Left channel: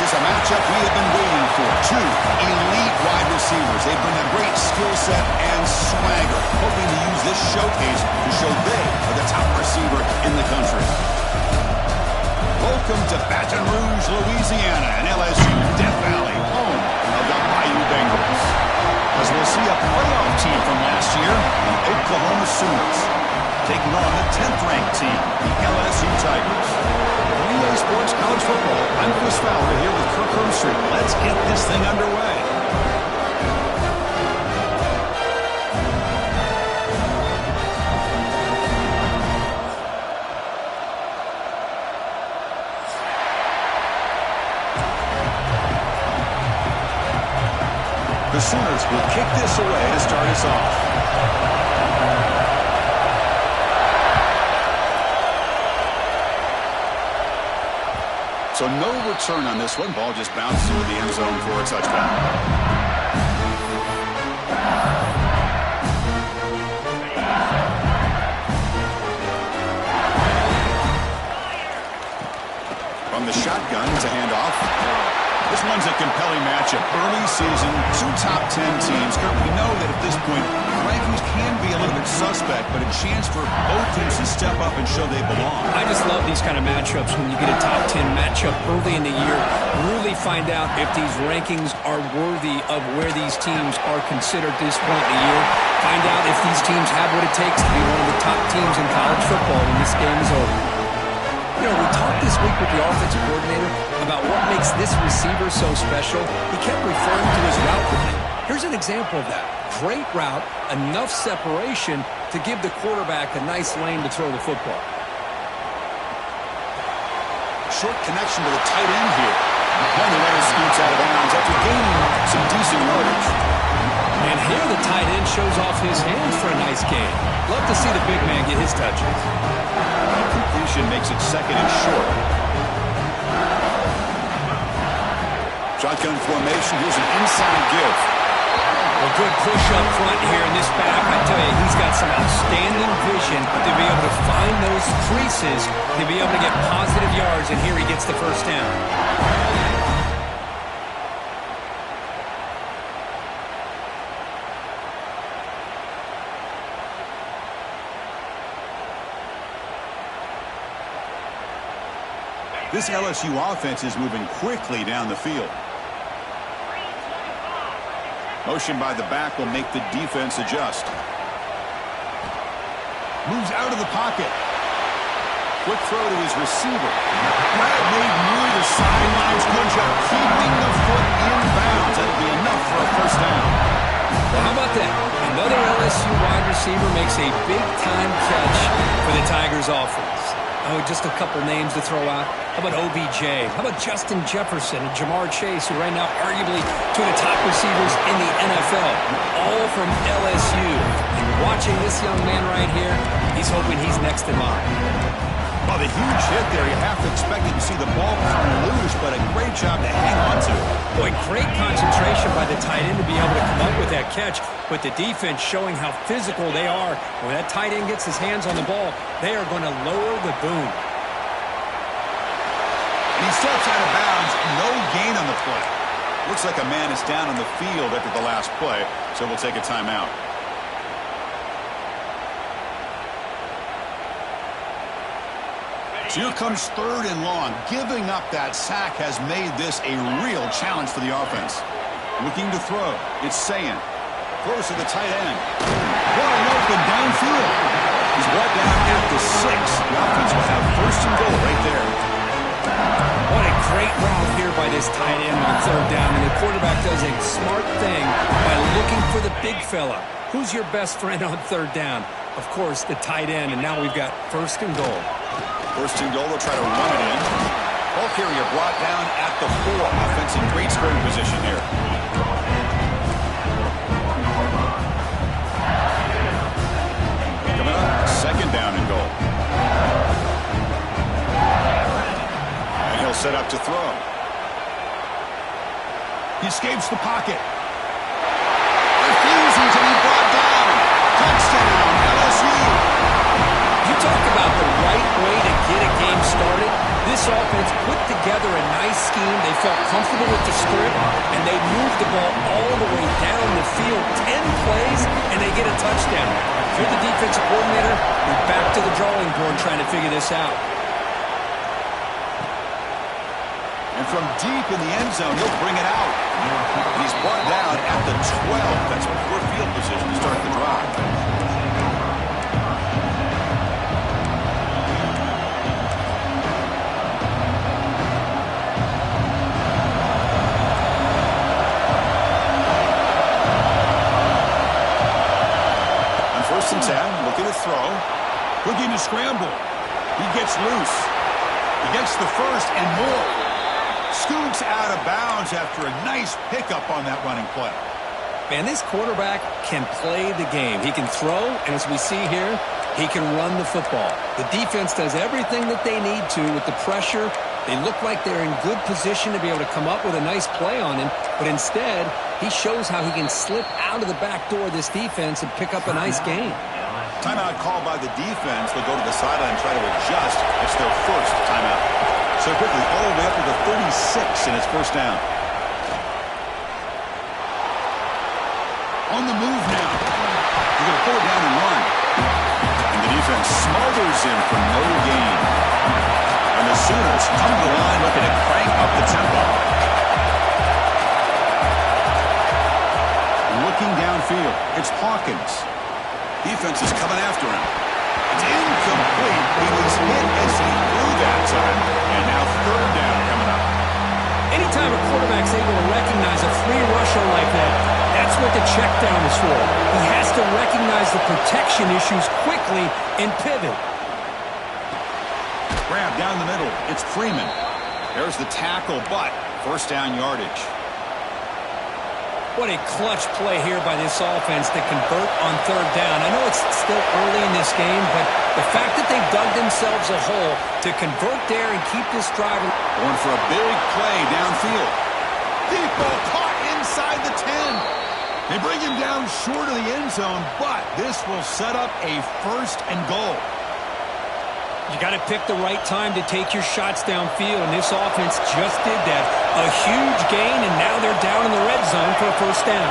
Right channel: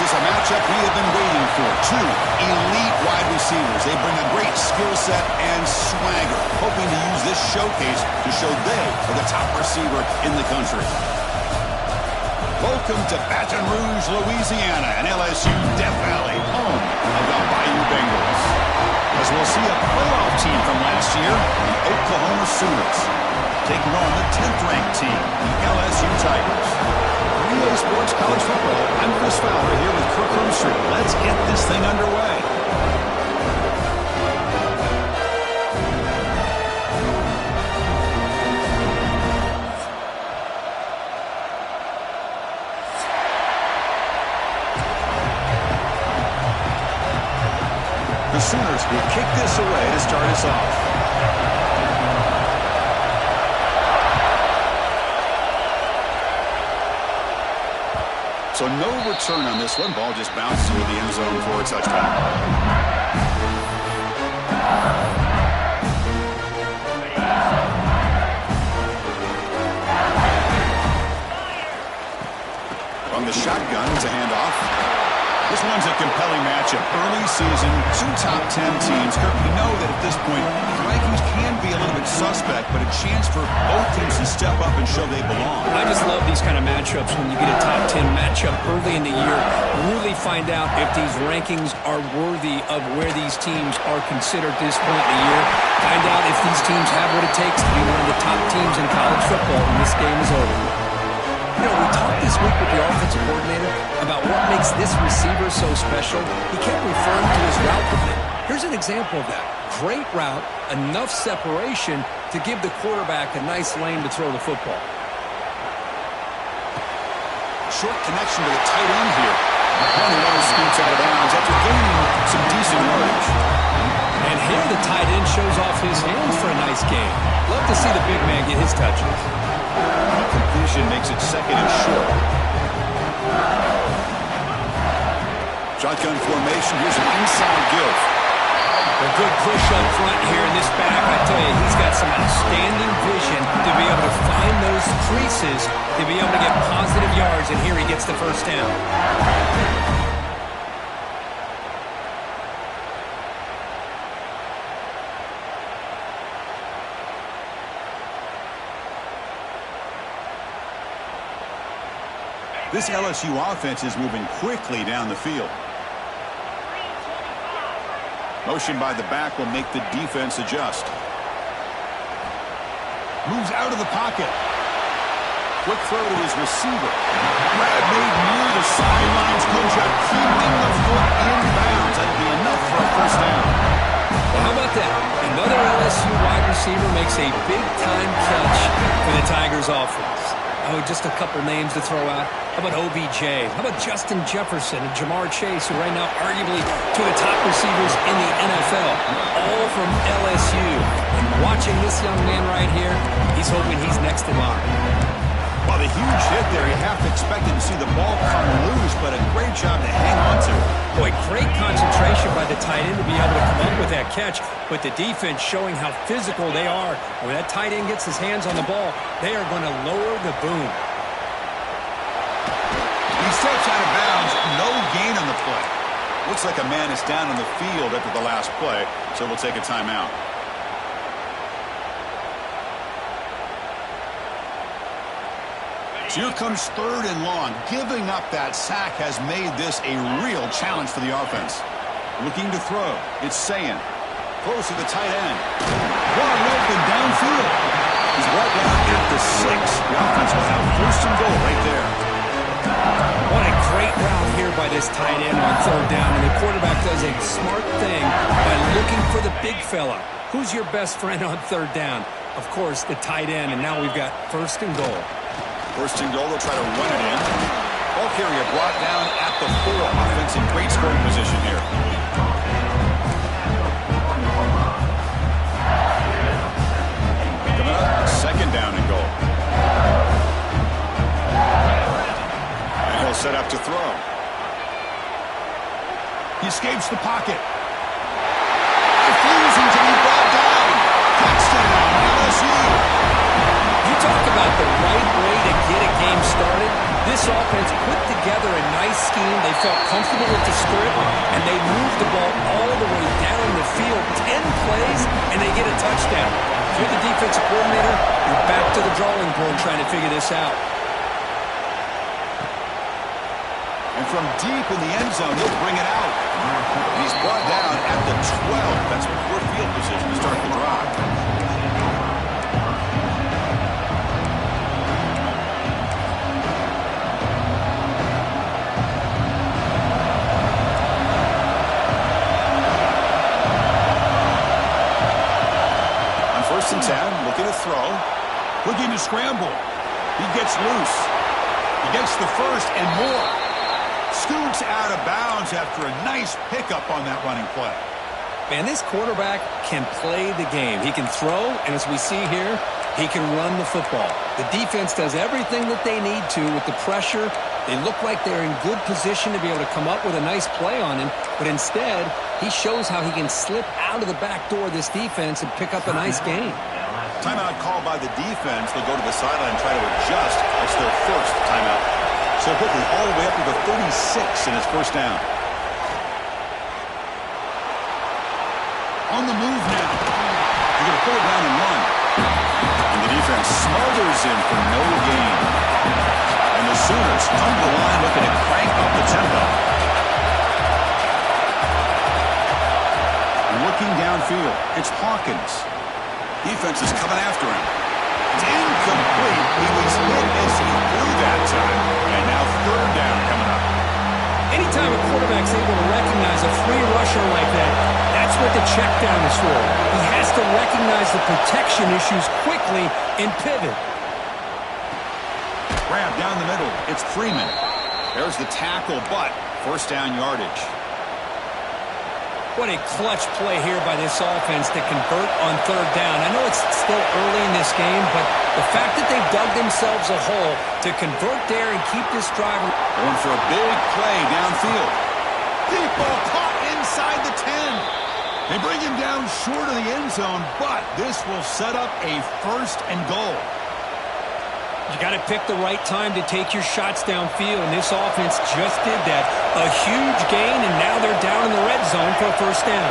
This is a matchup we have been waiting for. Two elite wide receivers. They bring a great skill set and swagger, hoping to use this showcase to show they are the top receiver in the country. Welcome to Baton Rouge, Louisiana, and LSU Death Valley, home of the Bayou Bengals. As we'll see a playoff team from last year, the Oklahoma Sooners, taking on the 10th-ranked team, the LSU Tigers. For EA Sports College Football, I'm Chris Fowler here with Kirk Hermstreet. Let's get this thing underway. The Sooners will kick this away to start us off. So no return on this one. Ball just bounces into the end zone for a touchdown. From the shotgun to handoff. This one's a compelling matchup. Early season, two top 10 teams. Kirk, we know that at this point, the rankings can be a little bit suspect, but a chance for both teams to step up and show they belong. I just love these kind of matchups when you get a top 10 matchup early in the year. Really find out if these rankings are worthy of where these teams are considered at this point in the year. Find out if these teams have what it takes to be one of the top teams in college football when this game is over. You know, we talked this week with the offensive coordinator about what makes this receiver so special. He kept referring to his route running. Here's an example of that. Great route, enough separation to give the quarterback a nice lane to throw the football. Short connection to the tight end here. And the runner scoots out of bounds after gaining some decent yardage. And here the tight end shows off his hands for a nice gain. Love to see the big man get his touches. Completion makes it second and short. Shotgun formation. Here's an inside give. A good push up front here in this back. I tell you, he's got some outstanding vision to be able to find those creases, to be able to get positive yards, and here he gets the first down. This LSU offense is moving quickly down the field. Motion by the back will make the defense adjust. Moves out of the pocket. Quick throw to his receiver. Grab made near the sidelines. Good job keeping the foot in bounds. That'll be enough for a first down. Well, how about that? Another LSU wide receiver makes a big-time catch for the Tigers offense. Oh, just a couple names to throw out. How about OBJ? How about Justin Jefferson and Jamar Chase, who right now arguably two of the top receivers in the NFL, all from LSU. And watching this young man right here, he's hoping he's next in line. Well, the huge hit there, you have to expect to see the ball come loose, but a great job to hang on to. Boy, great concentration by the tight end to be able to come up with that catch, but the defense showing how physical they are. When that tight end gets his hands on the ball, they are going to lower the boom. He steps out of bounds, no gain on the play. Looks like a man is down on the field after the last play, so we'll take a timeout. So here comes third and long. Giving up that sack has made this a real challenge for the offense. Looking to throw. It's Sayin. Throws to the tight end. Wide open downfield. He's brought down at the 6. The offense will have first and goal right there. What a great route here by this tight end on third down. And the quarterback does a smart thing by looking for the big fella. Who's your best friend on third down? Of course, the tight end. And now we've got first and goal. First and goal, they'll try to run it in. Ball carrier brought down at the 4. Offense in great scoring position here. Coming up, second down and goal. And he'll set up to throw. He escapes the pocket. Refusing to be brought down. Touchdown, LSU. You talk about the right way to get a game started. This offense put together a nice scheme. They felt comfortable with the script, and they moved the ball all the way down the field. 10 plays, and they get a touchdown. If you're the defensive coordinator, you're back to the drawing board trying to figure this out. And from deep in the end zone, he'll bring it out. And he's brought down at the 12. That's poor field position to start the drive. First and 10, looking to throw. Looking to scramble. He gets loose. He gets the first and more. Scoots out of bounds after a nice pickup on that running play. Man, this quarterback can play the game. He can throw, and as we see here, he can run the football. The defense does everything that they need to with the pressure. They look like they're in good position to be able to come up with a nice play on him, but instead, he shows how he can slip out of the back door of this defense and pick up a nice gain. Timeout called by the defense. They'll go to the sideline and try to adjust. It's their first timeout. So quickly, all the way up to the 36, and it's first down. On the move now. They're going to pull it down and run. And the defense smothers him for no gain. And the Sooners come to the line looking to crank up the tempo. Looking downfield, it's Hawkins. Defense is coming after him. It's incomplete. He was hit as he threw that time. And now third down coming up. Anytime a quarterback's able to recognize a free rusher like that, that's what the check down is for. He has to recognize the protection issues quickly and pivot. Grab down the middle. It's Freeman. There's the tackle, but first down yardage. What a clutch play here by this offense to convert on third down. I know it's still early in this game, but the fact that they've dug themselves a hole to convert there and keep this drive. Going for a big play downfield. Deep ball caught inside the 10. They bring him down short of the end zone, but this will set up a first and goal. You got to pick the right time to take your shots downfield, and this offense just did that. A huge gain, and now they're down in the red zone for a first down.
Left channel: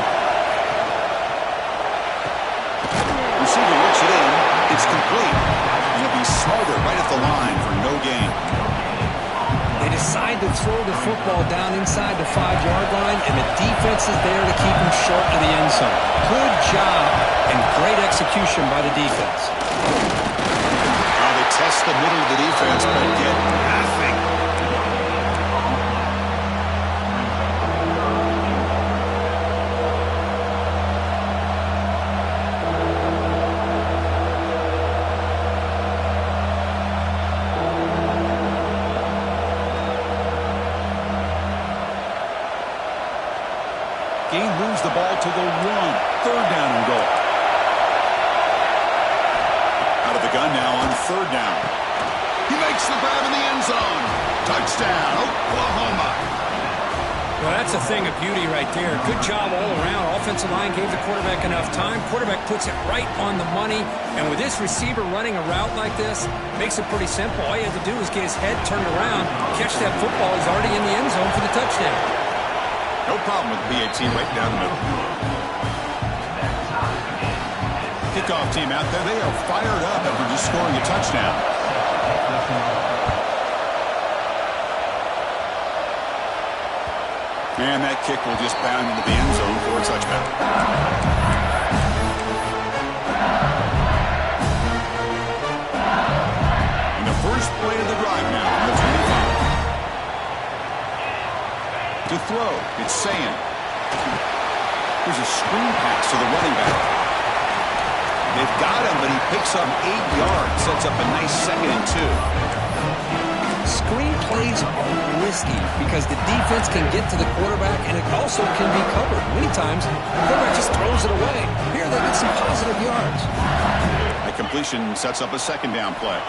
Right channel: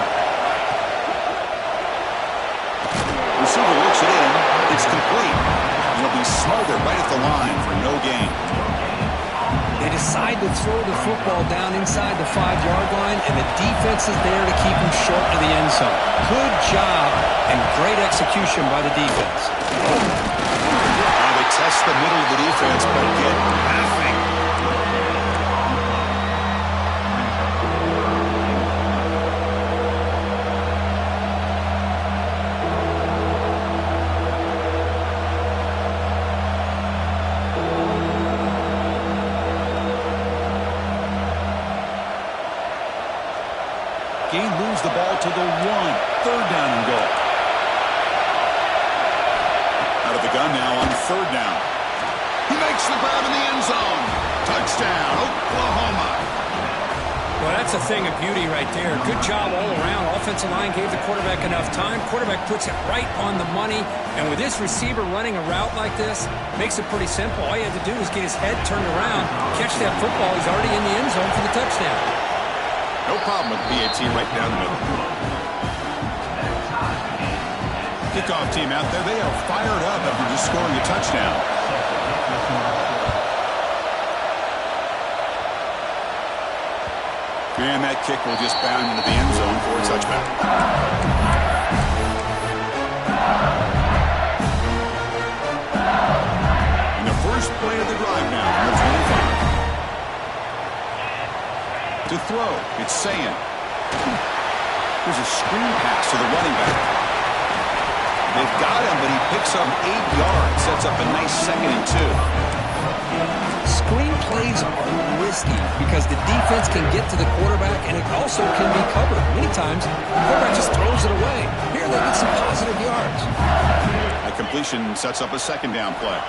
Receiver looks it in. It's complete. And he'll be smothered right at the line for no gain. They decide to throw the football down inside the 5-yard line, and the defense is there to keep him short of the end zone. Good job and great execution by the defense. Test the middle of the defense, but get nothing. Gain moves the ball to the 1. Third down and goal. Out of the gun now on third down. He makes the grab in the end zone. Touchdown, Oklahoma. Well, that's a thing of beauty right there. Good job all around. Offensive line gave the quarterback enough time. Quarterback puts it right on the money. And with this receiver running a route like this, makes it pretty simple. All you had to do was get his head turned around, catch that football. He's already in the end zone for the touchdown. No problem with BAT right down the middle. Kickoff team out there, they are fired up after just scoring a touchdown. And that kick will just bound into the end zone for a touchback. And the first play of the drive now on the 25. To throw, it's Sayin. There's a screen pass to the running back. They've got him, but he picks up 8 yards, sets up a nice 2nd and 2. Screen plays are risky because the defense can get to the quarterback, and it also can be covered. Many times, the quarterback just throws it away. Here they get some positive yards. A completion sets up a 2nd down play.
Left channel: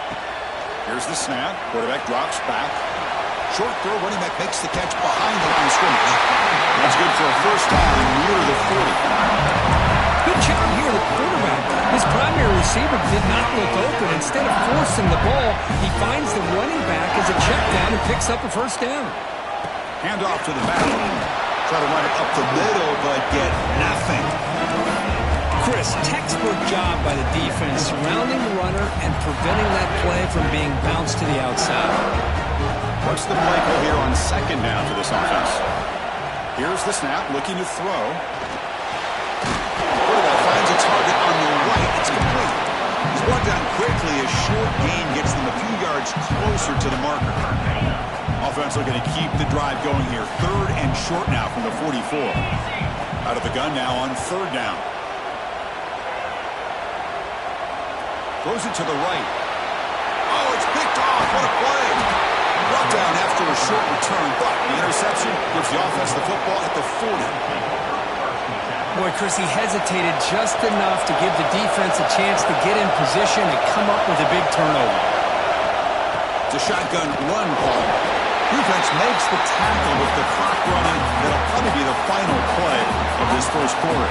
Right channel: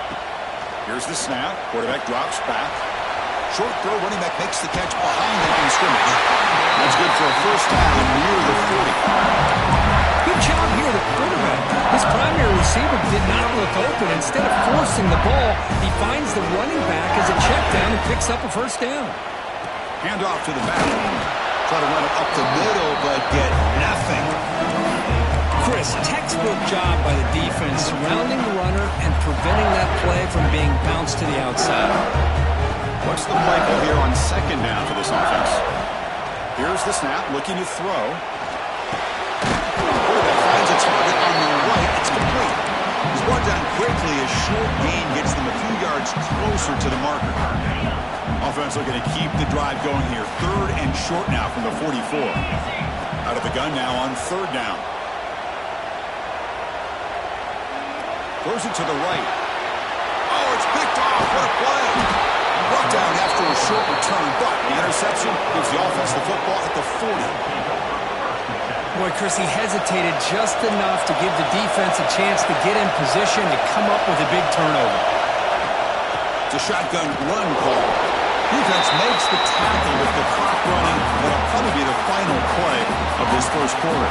Here's the snap. Quarterback drops back. Short throw, running back makes the catch behind the line of scrimmage. That's good for a first down near the 40. Good job here, the quarterback. His primary receiver did not look open. Instead of forcing the ball, he finds the running back as a check down and picks up a first down. Hand off to the back. Try to run it up the middle, but get nothing. Chris, textbook job by the defense, surrounding the runner and preventing that play from being bounced to the outside. What's the play call here on second down for this offense? Here's the snap, looking to throw. Quarterback finds a target on the right. It's complete. He's brought down quickly. A short gain gets them a few yards closer to the marker. Offense looking to keep the drive going here. 3rd and short now from the 44. Out of the gun now on 3rd down. Throws it to the right. Oh, it's picked off. What a play. Brought down after a short return, but the interception gives the offense the football at the 40. Boy, Chris, he hesitated just enough to give the defense a chance to get in position and come up with a big turnover. It's a shotgun run call. Defense makes the tackle with the clock running. That'll probably be the final play of this first quarter.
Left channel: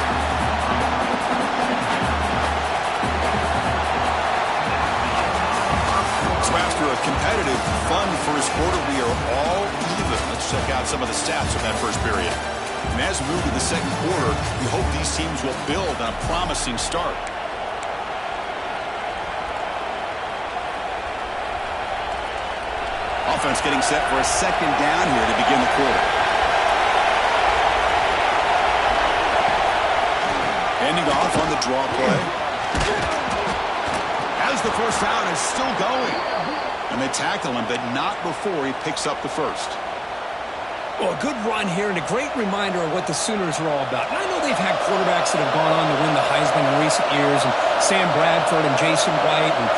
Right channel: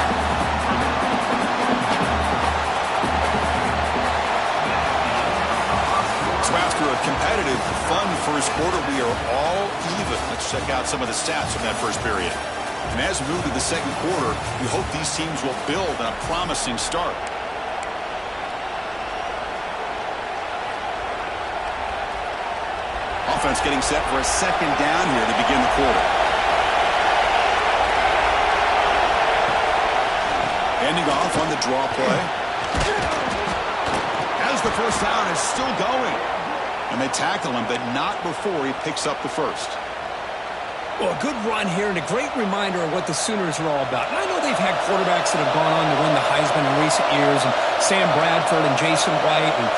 After a competitive, fun first quarter, we are all even. Let's check out some of the stats from that first period. And as we move to the second quarter, we hope these teams will build on a promising start. Offense getting set for a second down here to begin the quarter. Ending off on the draw play. As the first down is still going. And they tackle him, but not before he picks up the first. Well, a good run here and a great reminder of what the Sooners are all about. And I know they've had quarterbacks that have gone on to win the Heisman in recent years, and Sam Bradford and Jason White and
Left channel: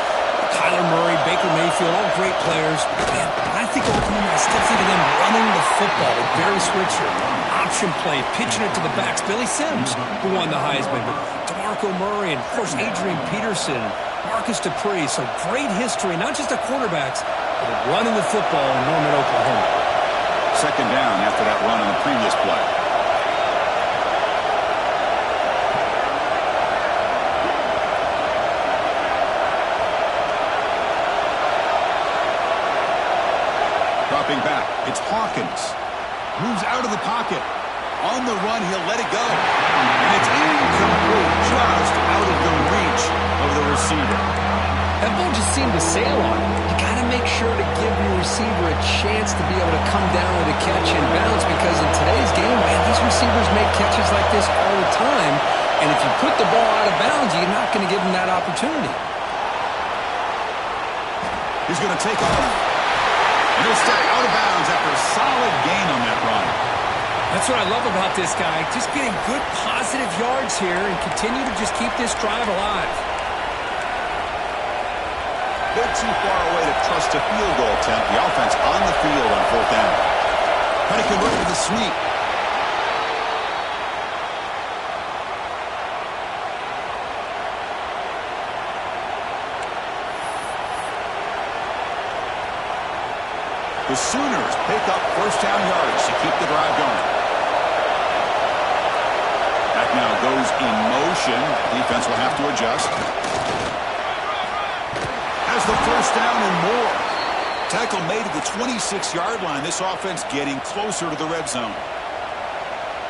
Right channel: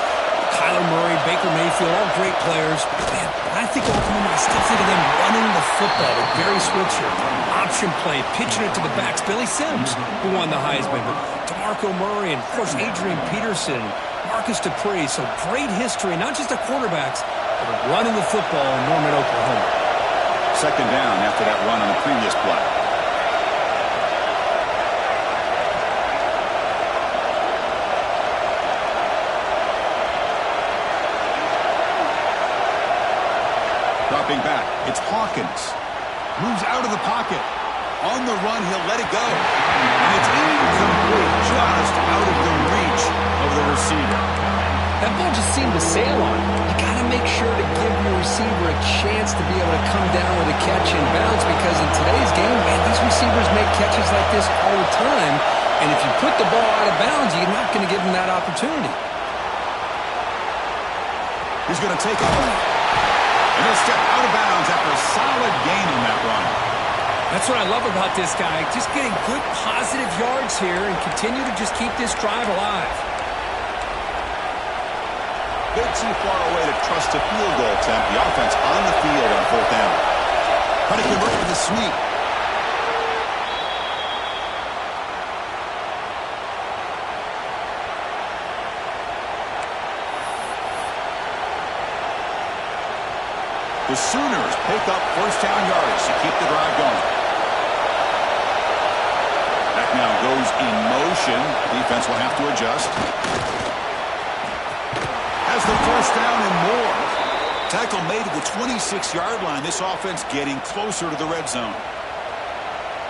Kyler Murray, Baker Mayfield, all great players. Man, I think ultimately I still think of them running the football with Barry Switzer, option play, pitching it to the backs. Billy Sims, who won the Heisman, but DeMarco Murray, and of course Adrian Peterson, Marcus Dupree. So great history, not just of quarterbacks, but of running the football in Norman, Oklahoma. Second down after that run on the previous play. Dropping back, it's Hawkins. Moves out of the pocket. On the run, he'll let it go. And it's incomplete, just out of the reach of the receiver. That ball just seemed to sail on him. You got to make sure to give your receiver a chance to be able to come down with a catch and bounce, because in today's game, man, these receivers make catches like this all the time. And if you put the ball out of bounds, you're not going to give them that opportunity. He's going to take off. And he'll step out of bounds after a solid gain on that run. That's what I love about this guy. Just getting good positive yards here and continue to just keep this drive alive. Bit too far away to trust a field goal attempt. The offense on the field on 4th down. Trying to convert with a sweep. The Sooners pick up first down yards to keep the drive going. That now goes in motion. Defense will have to adjust. Has the first down and more. Tackle made at the 26-yard line. This offense getting closer to the red zone.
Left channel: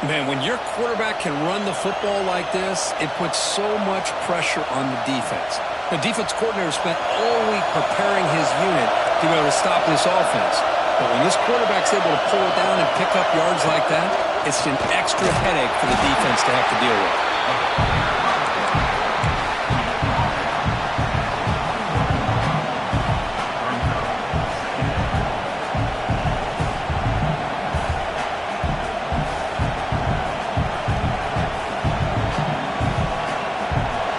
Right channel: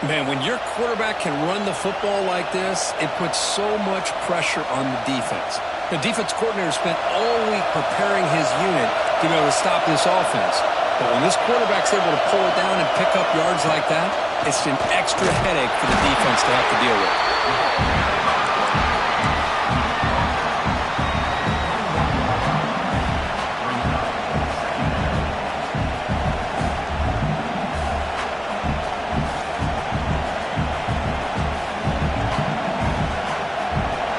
Man, when your quarterback can run the football like this, it puts so much pressure on the defense. The defense coordinator spent all week preparing his unit to be able to stop this offense. But when this quarterback's able to pull it down and pick up yards like that, it's an extra headache for the defense to have to deal with.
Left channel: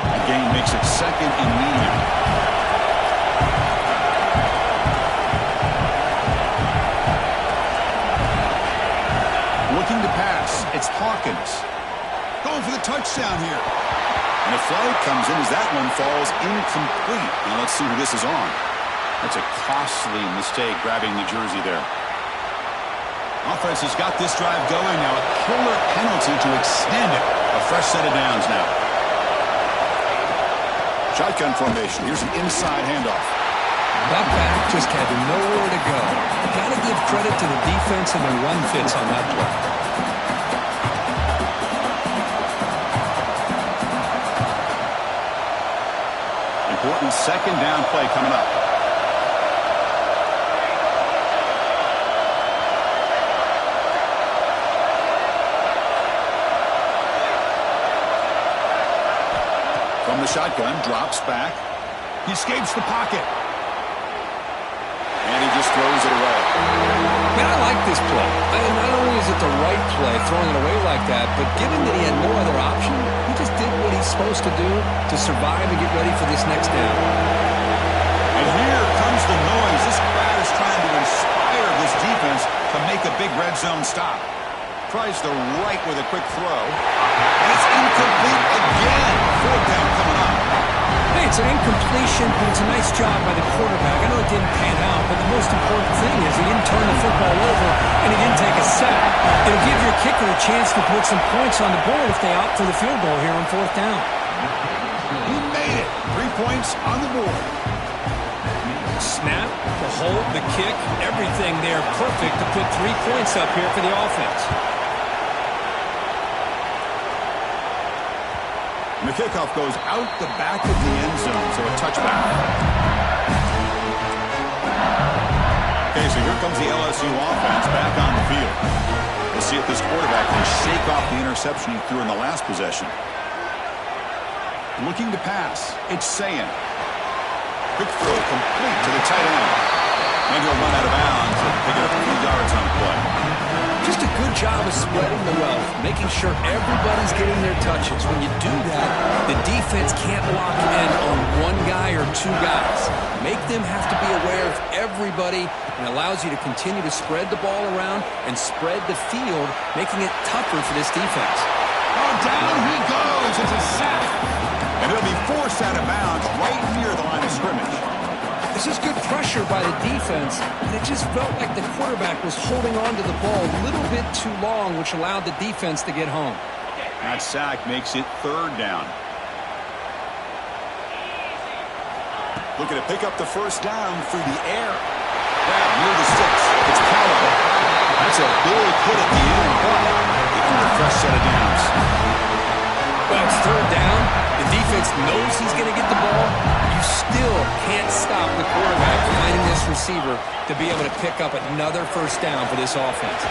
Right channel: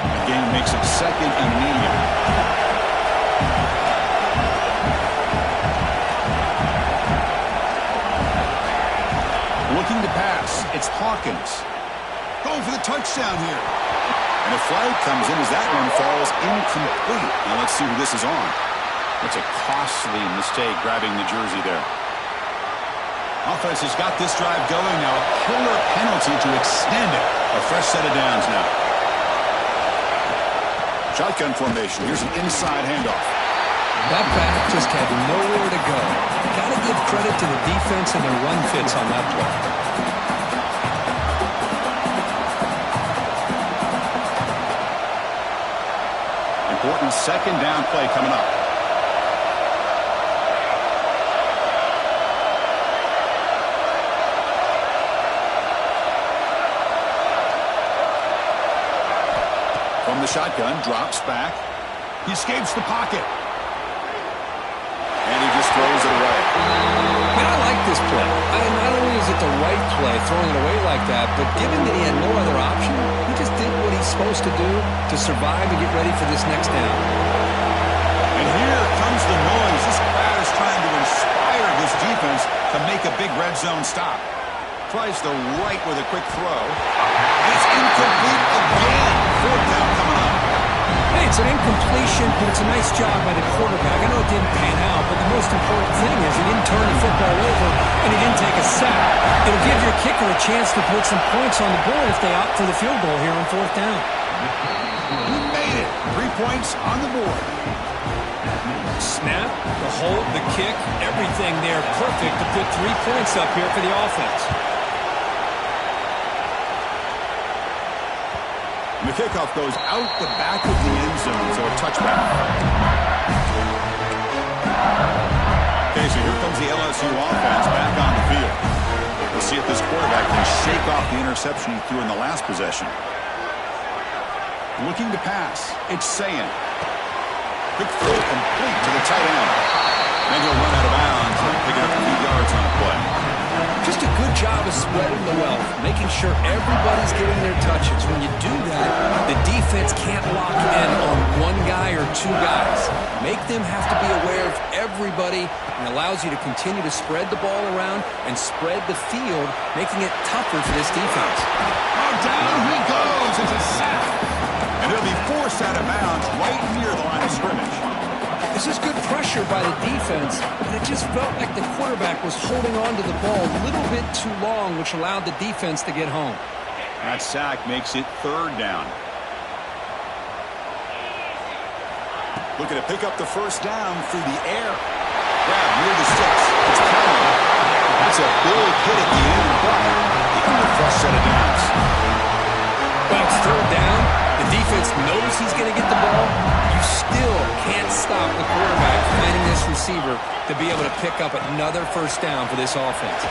That gain makes it second and medium. Looking to pass. It's Hawkins. Going for the touchdown here. And a flag comes in as that one falls incomplete. Now let's see who this is on. That's a costly mistake grabbing the jersey there. Offense has got this drive going now. A killer penalty to extend it. A fresh set of downs now. Shotgun formation. Here's an inside handoff. That back just had nowhere to go. Got to give credit to the defense and their run fits on that play. Important second down play coming up. From the shotgun, drops back. He escapes the pocket. And he just throws it away. Man, I like this play. Not only is it the right play, throwing it away like that, but given that he had no other option, he just did what he's supposed to do to survive and get ready for this next down. And here comes the noise. This crowd is trying to inspire this defense to make a big red zone stop. Tries the right with a quick throw. And it's incomplete again. Fourth down coming up. Hey, it's an incompletion, but it's a nice job by the quarterback. I know it didn't pan out, but the most important thing is he didn't turn the football over and he didn't take a sack. It'll give your kicker a chance to put some points on the board if they opt for the field goal here on fourth down. He made it. 3 points on the board. Snap, the hold, the kick, everything there perfect to put 3 points up here for the offense. And the kickoff goes out the back of the end zone, so a touchback. Okay, so here comes the LSU offense back on the field. We'll see if this quarterback can shake off the interception he threw in the last possession. Looking to pass. It's Sayin. Quick throw complete to the tight end. And he'll run out of bounds and pick it up a few yards on the play. Just a good job of spreading the wealth, making sure everybody's getting their touches. When you do that, the defense can't lock in on one guy or two guys. Make them have to be aware of everybody, and allows you to continue to spread the ball around and spread the field, making it tougher for this defense. Oh, down he goes. It's a sack. And he'll be forced out of bounds right near the line of scrimmage. This is good pressure by the defense, but it just felt like the quarterback was holding on to the ball a little bit too long, which allowed the defense to get home. That sack makes it third down. Looking to pick up the first down through the air. Grab near the sticks. It's Callum. That's a big hit at the end, but getting a fresh set of downs. Well, it's third down. The defense knows he's going to get the ball. You still can't stop the quarterback finding this receiver to be able to pick up another first down for this offense.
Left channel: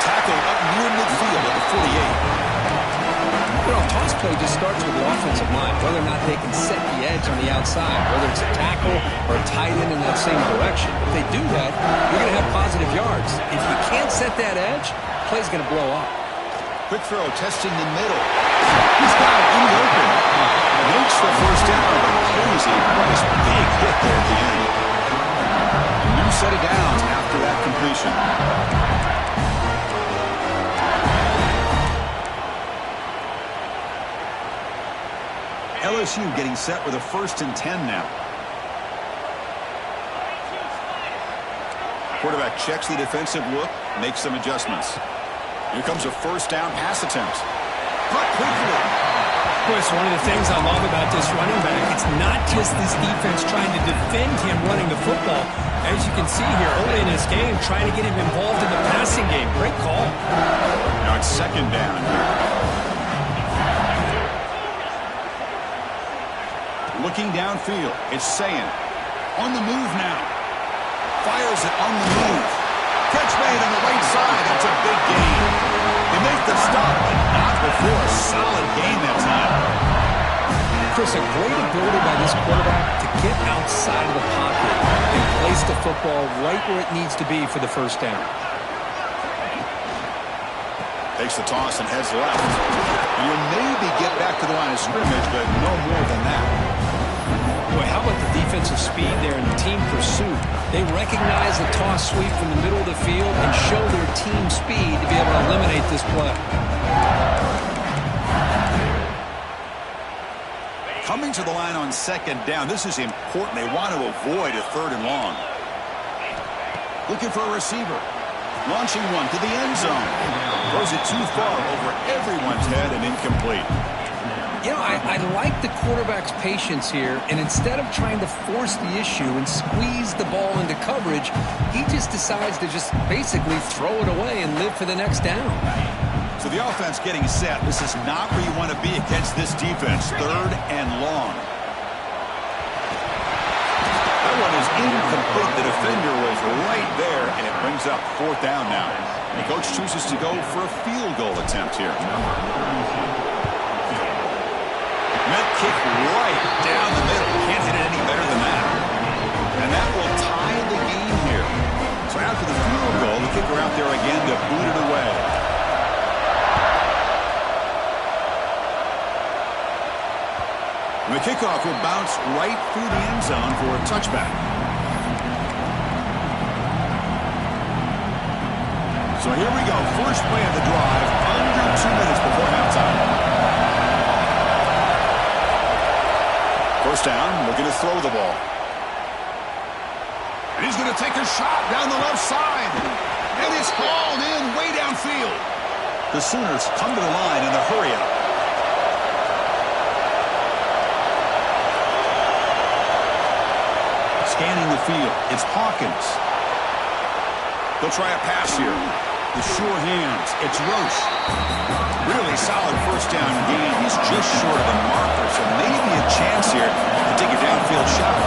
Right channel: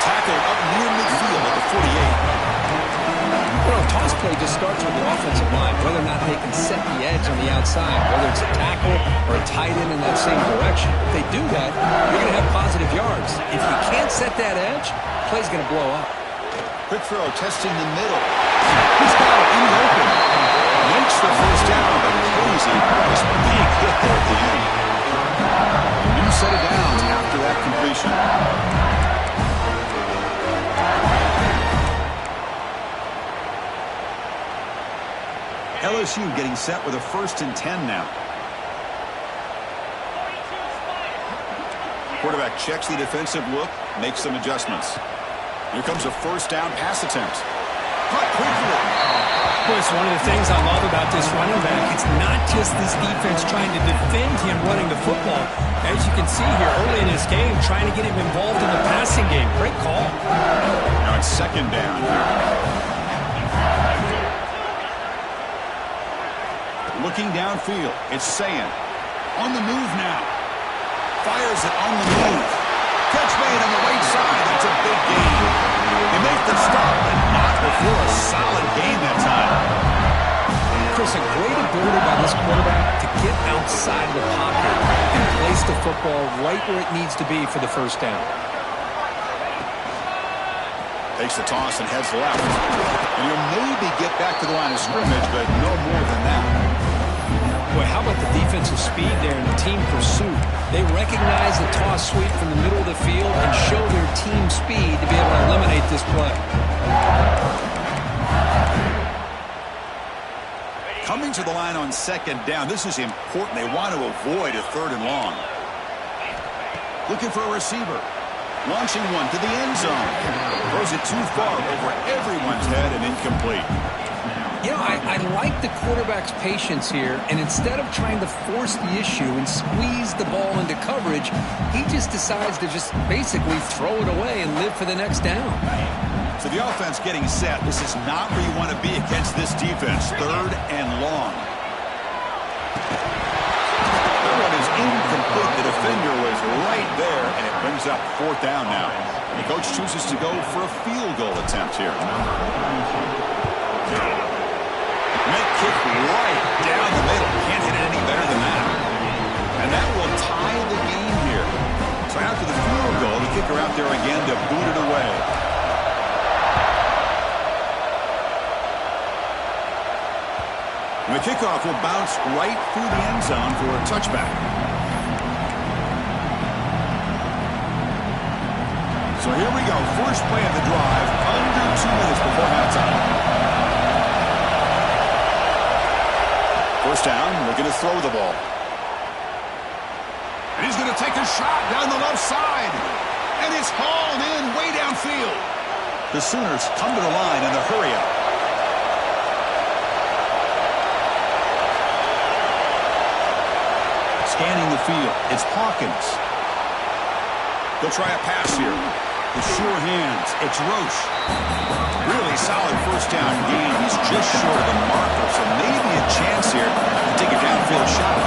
Tackled up near midfield at the 48. You know, toss play just starts with the offensive line, whether or not they can set the edge on the outside, whether it's a tackle or a tight end in that same direction. If they do that, you're going to have positive yards. If you can't set that edge, play's going to blow up. Quick throw, testing the middle. He's got it in the open. Makes the first down, but crazy price. Big hit there at the end. A new set of downs after that completion. LSU getting set with a 1st and 10 now. Quarterback checks the defensive look, makes some adjustments. Here comes a first down pass attempt. Cut quickly. Boy, it's one of the things I love about this running back. It's not just this defense trying to defend him running the football. As you can see here early in this game, trying to get him involved in the passing game. Great call. Now it's second down here. Looking downfield, it's Sayin. On the move now. Fires it on the move. Catch made on the right side. That's a big gain. They make the stop, but not before a solid gain that time. Chris, a great ability by this quarterback to get outside of the pocket and place the football right where it needs to be for the first down. Takes the toss and heads left. And you'll maybe get back to the line of scrimmage, but no more than that. Boy, how about the defensive speed there in the team pursuit? They recognize the toss sweep from the middle of the field and show their team speed to be able to eliminate this play. Coming to the line on second down. This is important. They want to avoid a 3rd and long. Looking for a receiver. Launching one to the end zone. Throws it too far over everyone's head and incomplete. You know, I like the quarterback's patience here, and instead of trying to force the issue and squeeze the ball into coverage, he just decides to just basically throw it away and live for the next down. So the offense getting set. This is not where you want to be against this defense. 3rd and long. That one is incomplete. The defender was right there, and it brings up 4th down now. The coach chooses to go for a field goal attempt here. Net kick right down the middle. Can't hit it any better than that. And that will tie the game here. So after the field goal, the kicker out there again to boot it away. And the kickoff will bounce right through the end zone for a touchback. So here we go. First play of the drive, under 2 minutes before halftime. First down, looking to throw the ball. And he's going to take a shot down the left side. And it's hauled in way downfield. The Sooners come to the line in the hurry up. Scanning the field, it's Hawkins. They'll try a pass here. The sure hands, it's Roche. Really solid first down gain. He's just short of the marker, so maybe a chance here to take a downfield shot.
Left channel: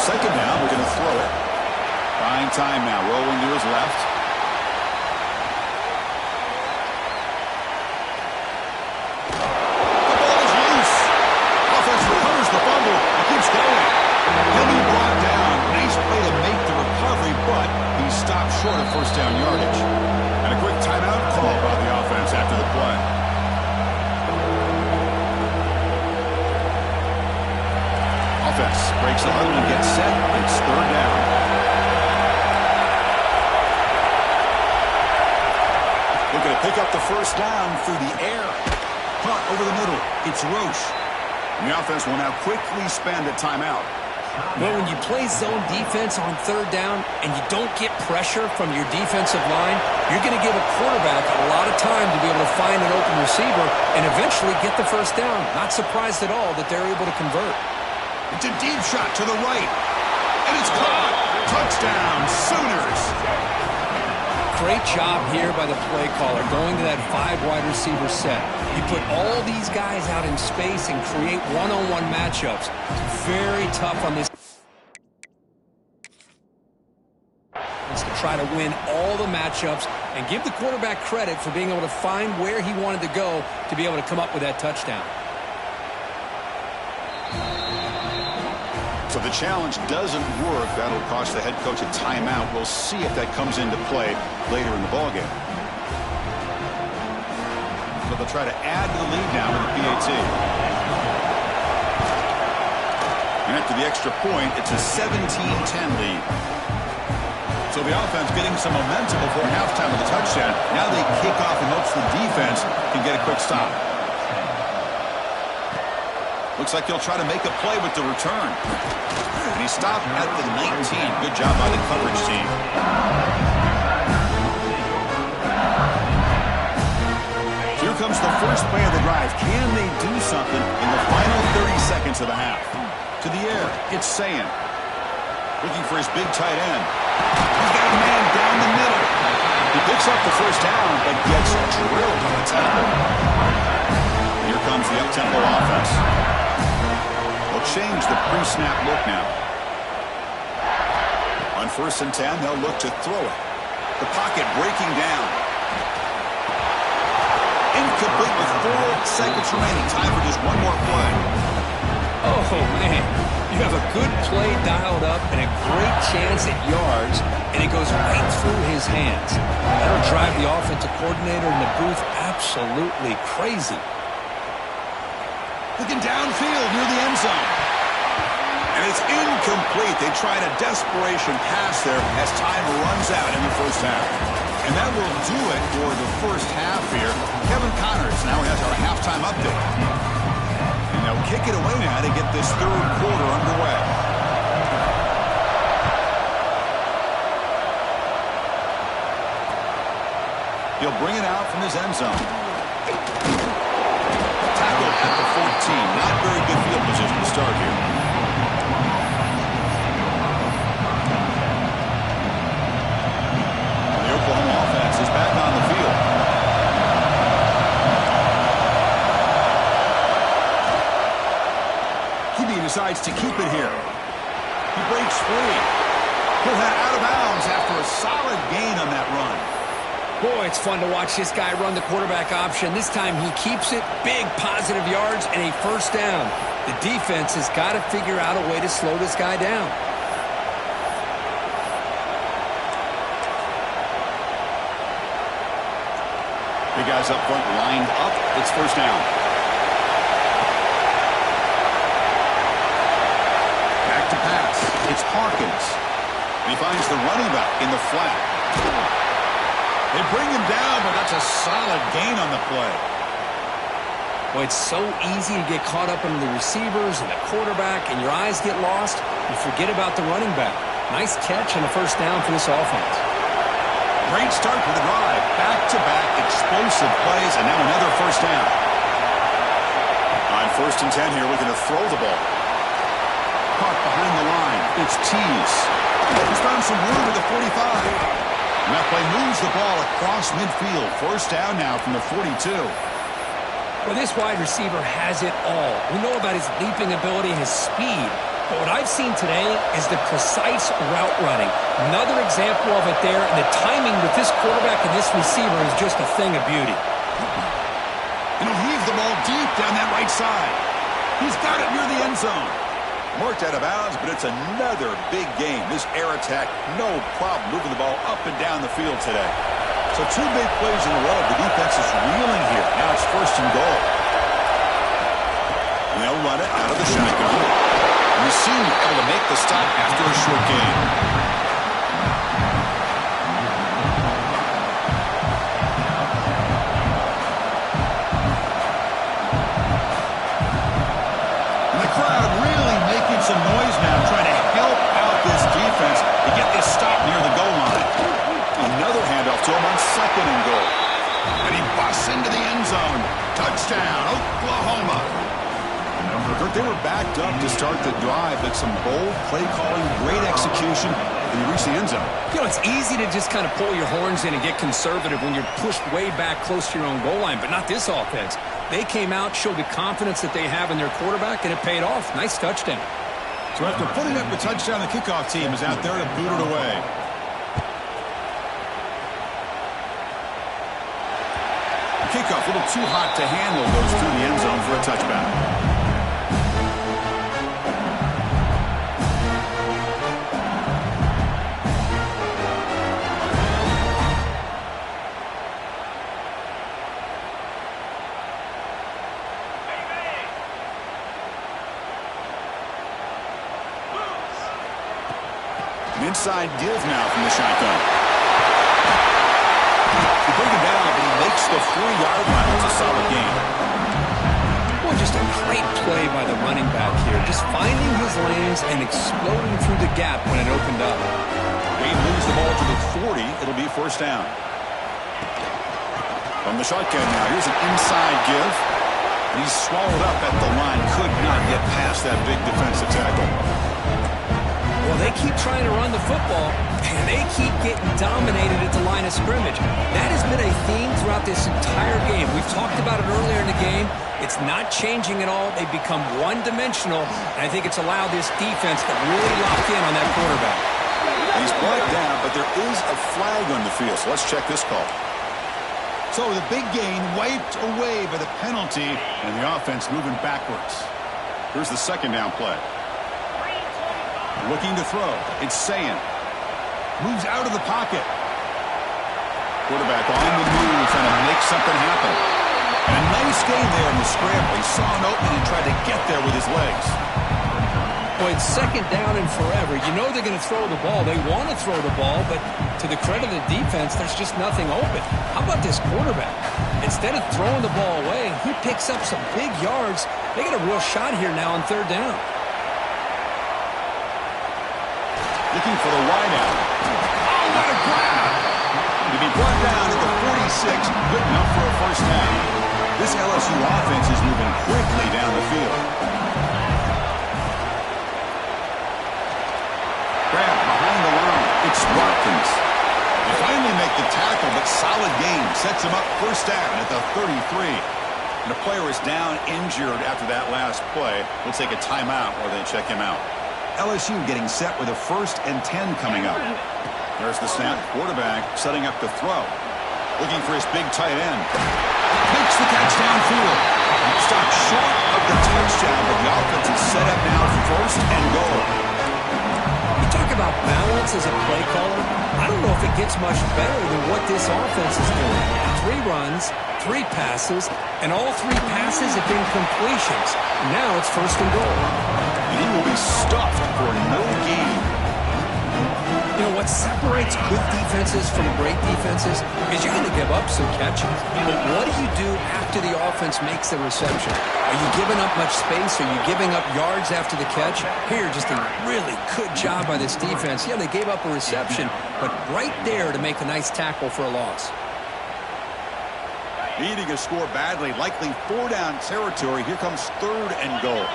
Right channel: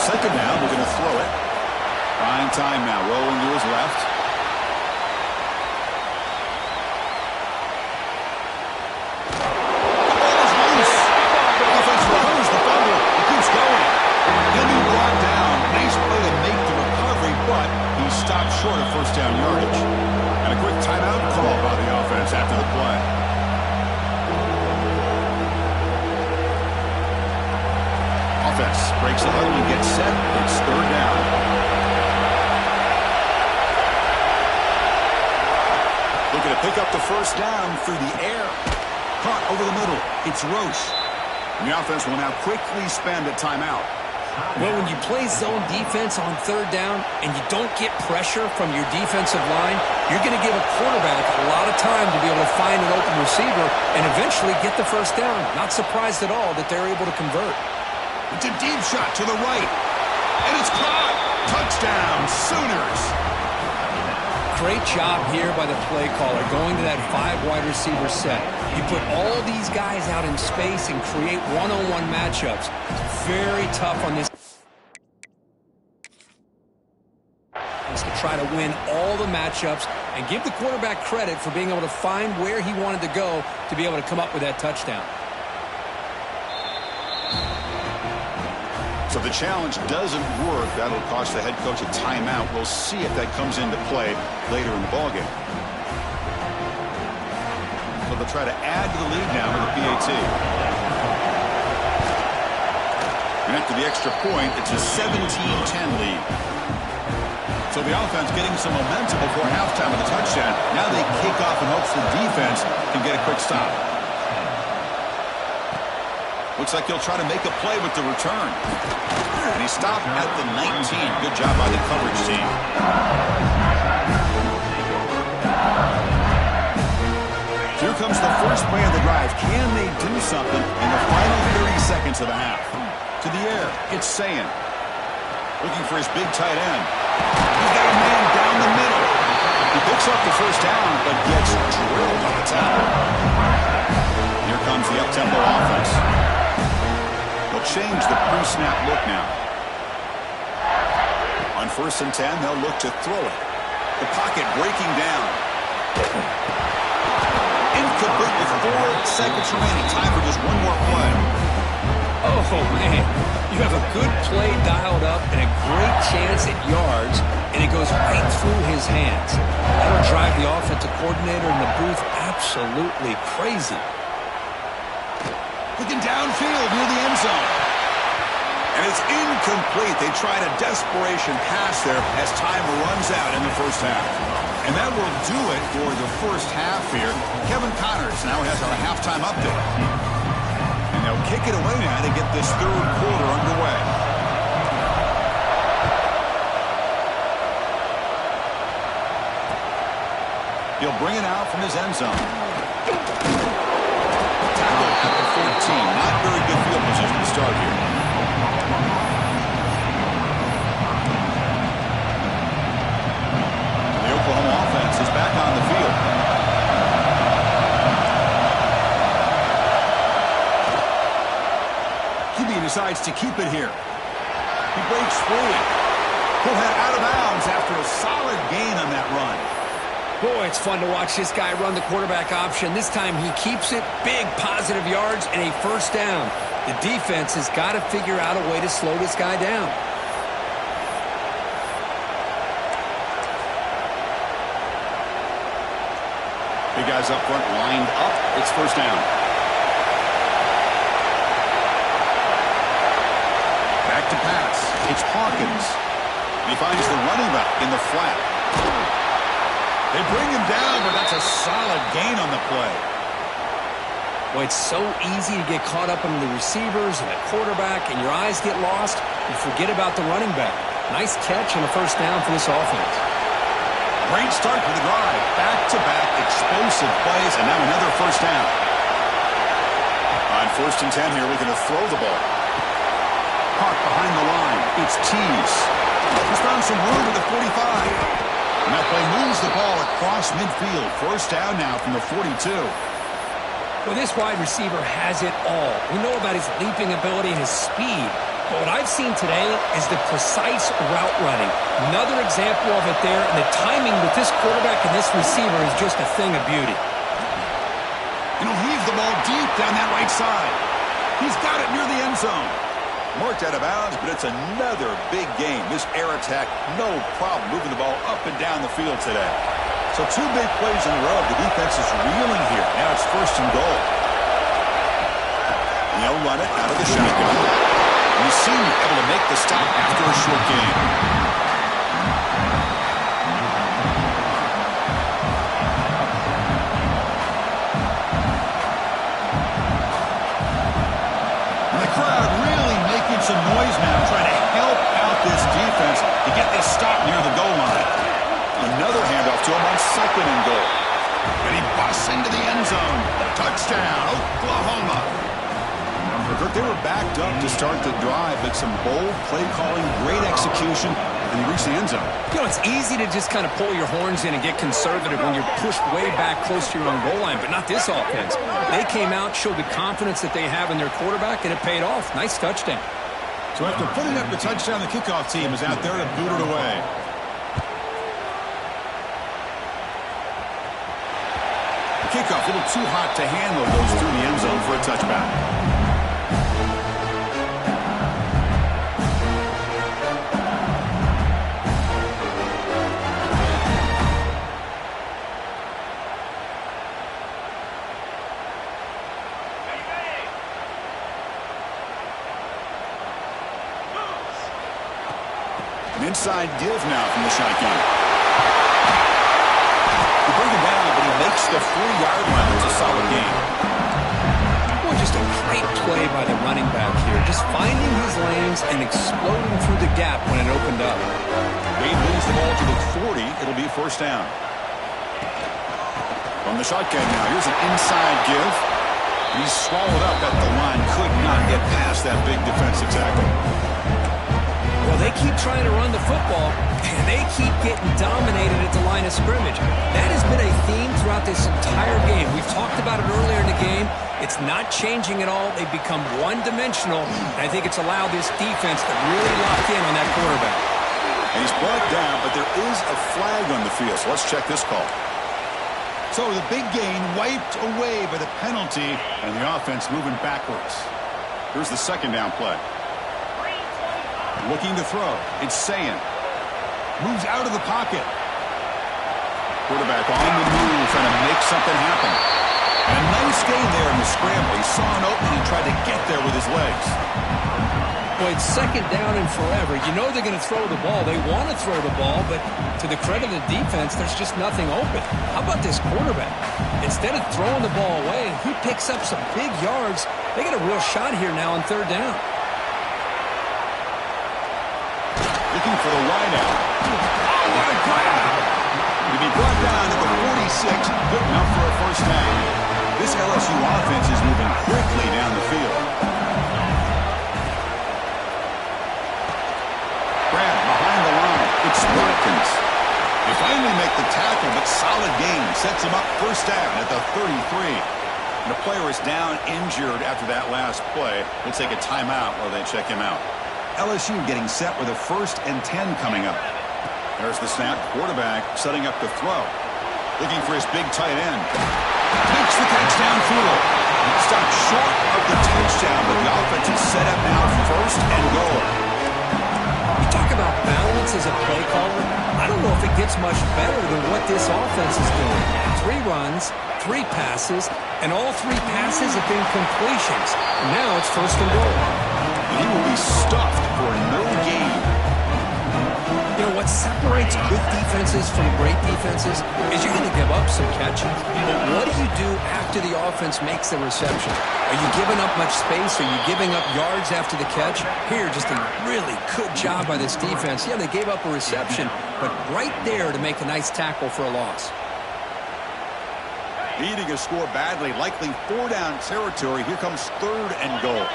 Second down, we're going to throw it. Buying time now, rolling to his left. The ball is loose. Offense recovers the fumble. He keeps going. He'll be brought down. Nice play to make the recovery, but he stopped short of first down yardage. And a quick timeout call by the offense after the play. Offense breaks the huddle and gets set. It's 3rd down. Looking to pick up the first down through the air. Caught over the middle. It's Roche. And the offense will now quickly spend a timeout. Well, when you play zone defense on 3rd down and you don't get pressure from your defensive line, you're going to give a quarterback a lot of time to be able to find an open receiver and eventually get the first down. Not surprised at all that they're able to convert. It's a deep shot to the right. And it's caught. Touchdown, Sooners. Great job here by the play caller going to that 5 wide receiver set. You put all these guys out in space and create one-on-one matchups. It's very tough on this to try to win all the matchups and give the quarterback credit for being able to find where he wanted to go to be able to come up with that touchdown. So the challenge doesn't work. That'll cost the head coach a timeout. We'll see if that comes into play later in the ballgame. So they'll try to add to the lead now with the PAT. And after the extra point, it's a 17-10 lead. So the offense getting some momentum before halftime of the touchdown. Now they kick off in hopes the defense can get a quick stop. Looks like he'll try to make a play with the return. And he stopped at the 19. Good job by the coverage team. Here comes the first play of the drive. Can they do something in the final 30 seconds of the half? To the air, it's Sayin. Looking for his big tight end. He's got a man down the middle. He picks up the first down, but gets drilled on the tackle. Here comes the up-tempo offense. They'll change the pre-snap look now. On 1st and 10, they'll look to throw it. The pocket breaking down. Incomplete with 4 seconds remaining. Time for just one more play. Oh, man. You have a good play dialed up and a great chance at yards, and it goes right through his hands. That'll drive the offensive coordinator in the booth absolutely crazy. Looking downfield near the end zone. And it's incomplete. They tried a desperation pass there as time runs out in the first half. And that will do it for the first half here. Kevin Connors now has our halftime update. And they'll kick it away now to get this 3rd quarter underway. He'll bring it out from his end zone. at the 14. Not very good field position to start here. The Oklahoma offense is back on the field. QB decides to keep it here. He breaks free. He'll head out of bounds after a solid gain on that run. Boy, it's fun to watch this guy run the quarterback option. This time he keeps it, big positive yards, and a first down. The defense has got to figure out a way to slow this guy down. Big guys up front lined up. It's first down. Back to pass. It's Hawkins. And he finds the running back in the flat. They bring him down, but that's a solid gain on the play. Boy, it's so easy to get caught up in the receivers and the quarterback, and your eyes get lost. You forget about the running back. Nice catch and a first down for this offense. Great start to the drive. Back-to-back explosive plays, and now another first down. On 1st and 10 here, looking to throw the ball. Caught behind the line. It's Tease. He's found some room at the 45. And that play moves the ball across midfield. First down now from the 42. Well, this wide receiver has it all. We know about his leaping ability and his speed. But what I've seen today is the precise route running. Another example of it there, and the timing with this quarterback and this receiver is just a thing of beauty. And he'll heave the ball deep down that right side. He's got it near the end zone. Marked out of bounds, but it's another big game. This air attack, no problem moving the ball up and down the field today. So 2 big plays in a row. The defense is reeling here. Now it's 1st and goal. And they'll run it out of the shotgun. And the senior able to make the stop after a short gain. And the crowd really making some noise now, trying to help out this defense to get this stop near the goal line. Another handoff to him on 2nd and goal. And he busts into the end zone. Touchdown, Oklahoma. They were backed up to start the drive, but some bold play calling, great execution, and he reached the end zone. You know, it's easy to just kind of pull your horns in and get conservative when you're pushed way back close to your own goal line, but not this offense. They came out, showed the confidence that they have in their quarterback, and it paid off. Nice touchdown. So after putting up the touchdown, the kickoff team is out there to boot it away. The kickoff a little too hot to handle, goes through the end zone for a touchback. Inside give now from the shotgun. They bring him down, but he makes the 4-yard line. It's a solid game. Boy, just a great play by the running back here. Just finding his lanes and exploding through the gap when it opened up. They moves the ball to the 40. It'll be first down. From the shotgun now, here's an inside give. He's swallowed up at the line. Could not get past that big defensive tackle. Well, they keep trying to run the football, and they keep getting dominated at the line of scrimmage. That has been a theme throughout this entire game. We've talked about it earlier in the game. It's not changing at all. They've become one-dimensional, and I think it's allowed this defense to really lock in on that quarterback. And he's brought down, but there is a flag on the field, so let's check this call. So the big gain wiped away by the penalty, and the offense moving backwards. Here's the 2nd down play. Looking to throw. It's Sayin. Moves out of the pocket. Quarterback on the move, trying to make something happen. And a nice gain there in the scramble. He saw an opening and tried to get there with his legs. Boy, it's 2nd down and forever. You know they're going to throw the ball. They want to throw the ball, but to the credit of the defense, there's just nothing open. How about this quarterback? Instead of throwing the ball away, he picks up some big yards. They got a real shot here now on 3rd down. Looking for the wide out. Oh, what a grab! He'll be brought down at the 46. Good enough for a first down. This LSU offense is moving quickly down the field. Grab behind the line. It's Watkins. They finally make the tackle, but solid gain sets him up first down at the 33. And a player is down injured after that last play. We'll take a timeout while they check him out. LSU getting set with a 1st and 10 coming up. There's the snap. Quarterback setting up to throw. Looking for his big tight end. Makes the catch downfield. Stopped short of the touchdown, but the offense is set up now 1st and goal. You talk about balance as a play caller. I don't know if it gets much better than what this offense is doing. 3 runs, 3 passes, and all 3 passes have been completions. And now it's 1st and goal. And he will be stuffed for no gain. You know, what separates good defenses from great defenses is you're going to give up some catches. But what do you do after the offense makes the reception? Are you giving up much space? Are you giving up yards after the catch? Here, just a really good job by this defense. Yeah, they gave up a reception, but right there to make a nice tackle for a loss. Needing a score badly, likely 4-down territory. Here comes 3rd and goal.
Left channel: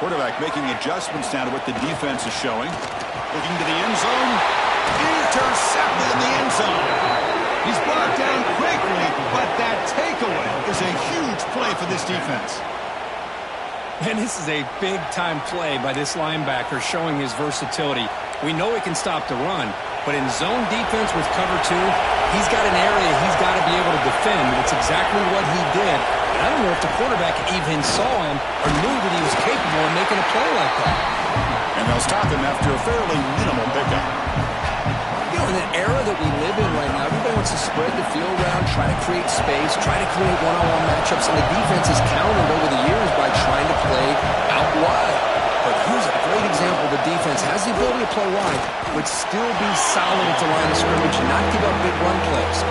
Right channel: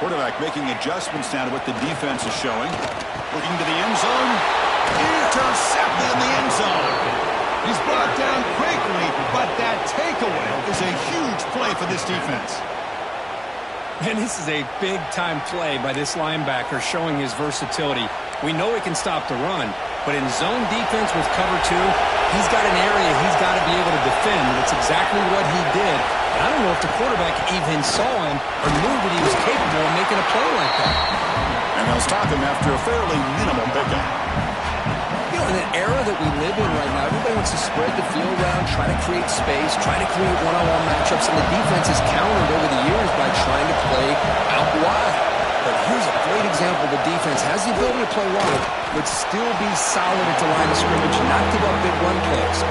Quarterback making adjustments now to what the defense is showing. Looking to the end zone. Intercepted in the end zone. He's brought down quickly, but that takeaway is a huge play for this defense. And this is a big-time play by this linebacker showing his versatility. We know he can stop the run, but in zone defense with cover 2, he's got an area he's got to be able to defend, and it's exactly what he did. And I don't know if the quarterback even saw him or knew that he was capable of making a play like that. And they'll stop him after a fairly minimal pickup. You know, in an era that we live in right now, everybody wants to spread the field around, try to create space, try to create one-on-one matchups, and the defense has countered over the years by trying to play out wide. But here's a great example. The defense has the ability to play wide, but still be solid at the line of scrimmage, not give up big run plays.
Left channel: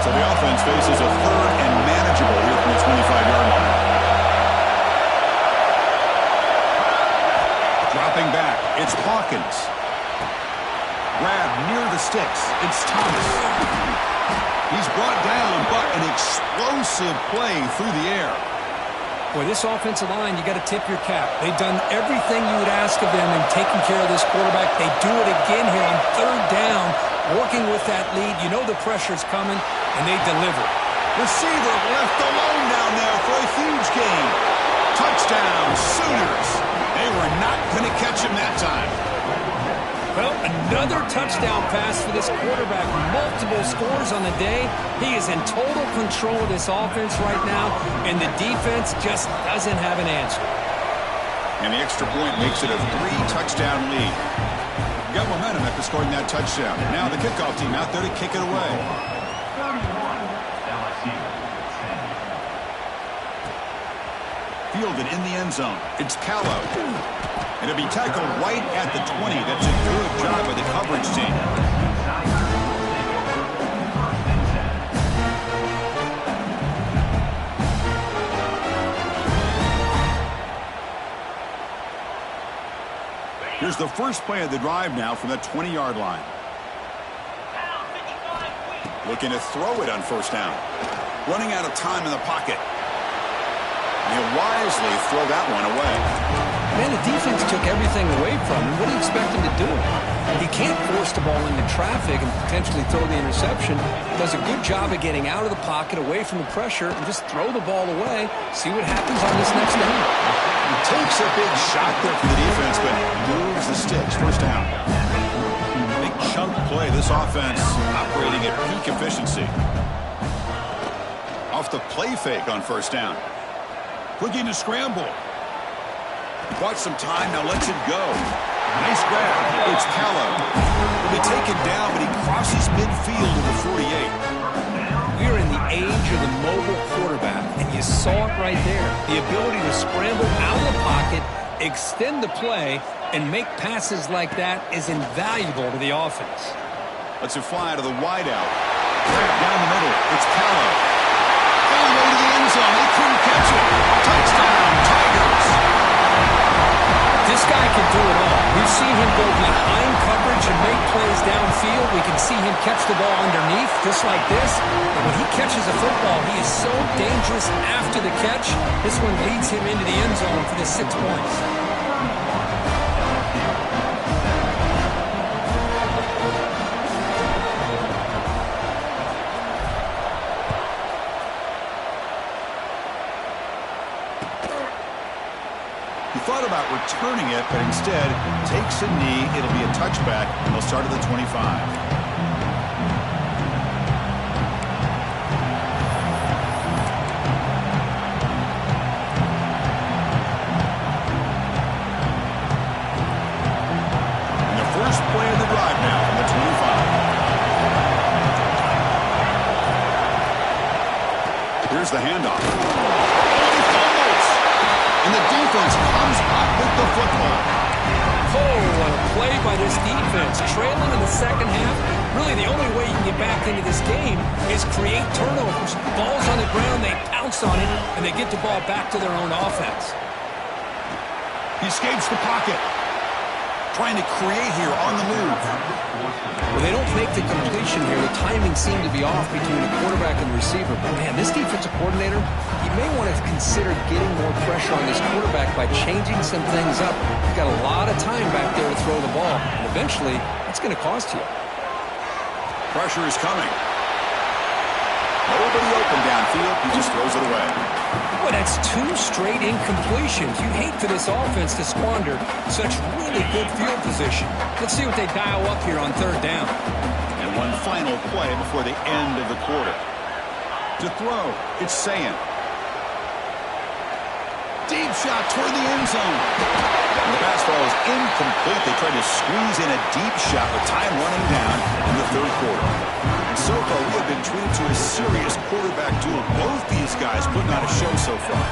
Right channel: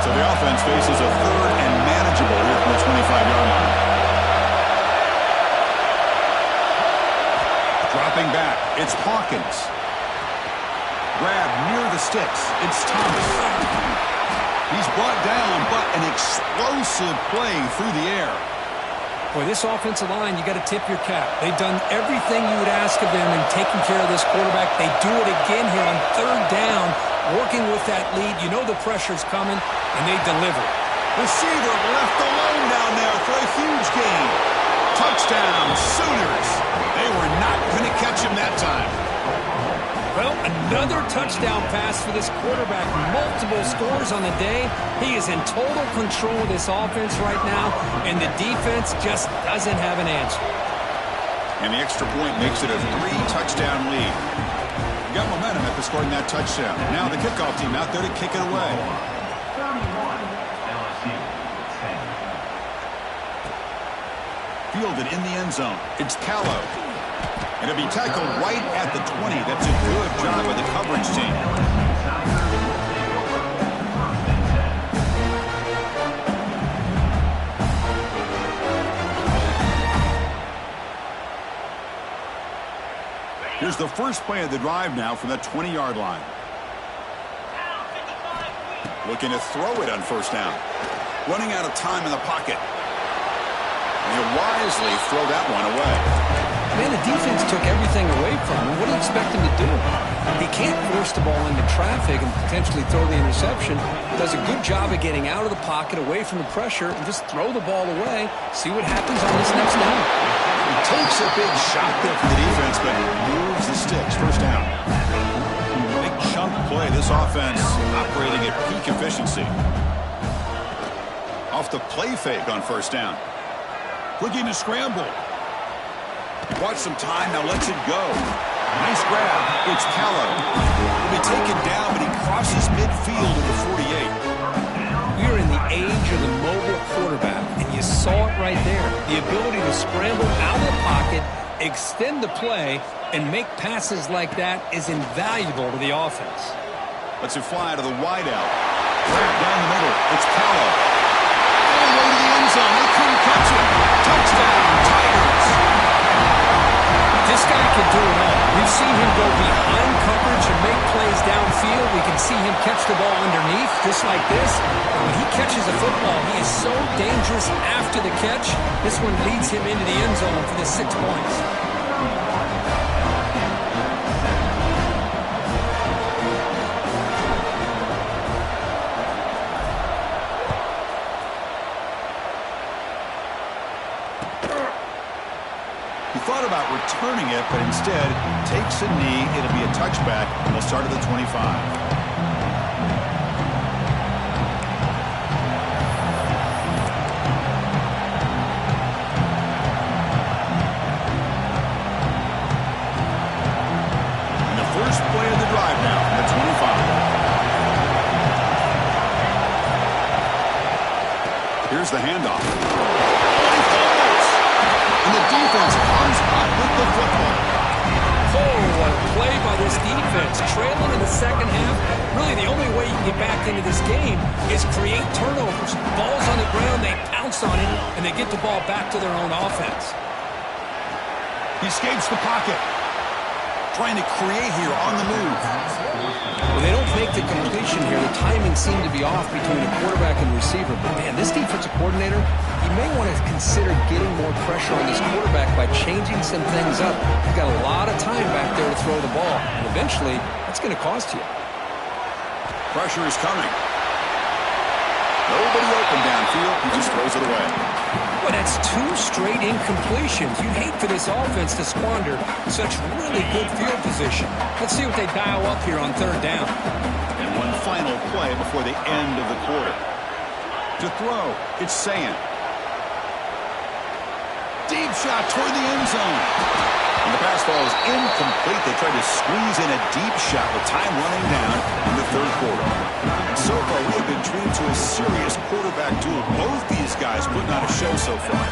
So the offense faces a 3rd and manageable here from the 25-yard line. Dropping back, it's Hawkins. Grab near the sticks, it's Thomas. He's brought down, but an explosive play through the air. Boy, this offensive line, you got to tip your cap. They've done everything you would ask of them in taking care of this quarterback. They do it again here on 3rd down, working with that lead. You know the pressure's coming, and they deliver. Receiver left alone down there for a huge gain. Touchdown, Sooners. They were not going to catch him that time. Well, another touchdown pass for this quarterback. Multiple scores on the day. He is in total control of this offense right now, and the defense just doesn't have an answer. And the extra point makes it a 3-touchdown lead. You got momentum after scoring that touchdown. Now the kickoff team out there to kick it away. 31, LSU 10. Fielded in the end zone. It's Callow. And it'll be tackled right at the 20. That's a good job by the coverage team. Here's the first play of the drive now from the 20-yard line. Looking to throw it on 1st down. Running out of time in the pocket. And he'll wisely throw that one away. Man, the defense took everything away from him. What do you expect him to do? He can't force the ball into traffic and potentially throw the interception. He does a good job of getting out of the pocket, away from the pressure, and just throw the ball away. See what happens on this next down. He takes a big shot there from the defense, but moves the sticks. 1st down. Big chunk play. This offense operating at peak efficiency. Off the play fake on 1st down. Looking to scramble. He bought some time, now lets it go. Nice grab. It's Callow. He'll be taken down, but he crosses midfield to the 48. We are in the age of the mobile quarterback, and you saw it right there. The ability to scramble out of the pocket, extend the play, and make passes like that is invaluable to the offense. Lets it fly to the wideout. Grab down the middle. It's Callow. All the way to the end zone. They couldn't catch him. Touchdown, Tigers. This guy can do it all. We've seen him go behind coverage and make plays downfield. We can see him catch the ball underneath, just like this. But when he catches a football, he is so dangerous after the catch. This one leads him into the end zone for the 6 points. He thought about returning it, but instead takes a knee. It'll be a touchback, and they'll start at the 25. And the first play of the drive now from the 25. Here's the handoff. And the defense comes up with the football. Oh, what a play by this defense. Trailing in the second half. Really, the only way you can get back into this game is create turnovers. Ball's on the ground, they pounce on it, and they get the ball back to their own offense. He escapes the pocket. Trying to create here on the move. Well, they don't make the completion here. The timing seemed to be off between a quarterback and receiver. But, man, this defensive coordinator, he may want to consider getting more pressure on this quarterback by changing some things up. He's got a lot of time back there to throw the ball. And eventually, that's going to cost you. Pressure is coming. Nobody open downfield. He just throws it away. Boy, that's 2 straight incompletions. You'd hate for this offense to squander such really good field position. Let's see what they dial up here on 3rd down. And one final play before the end of the quarter. To throw, it's Sayan. Deep shot toward the end zone. And the pass ball is incomplete. They tried to squeeze in a deep shot with time running down in the 3rd quarter. And so far, we have been treated to a serious quarterback duel. Both these guys putting on a show so far.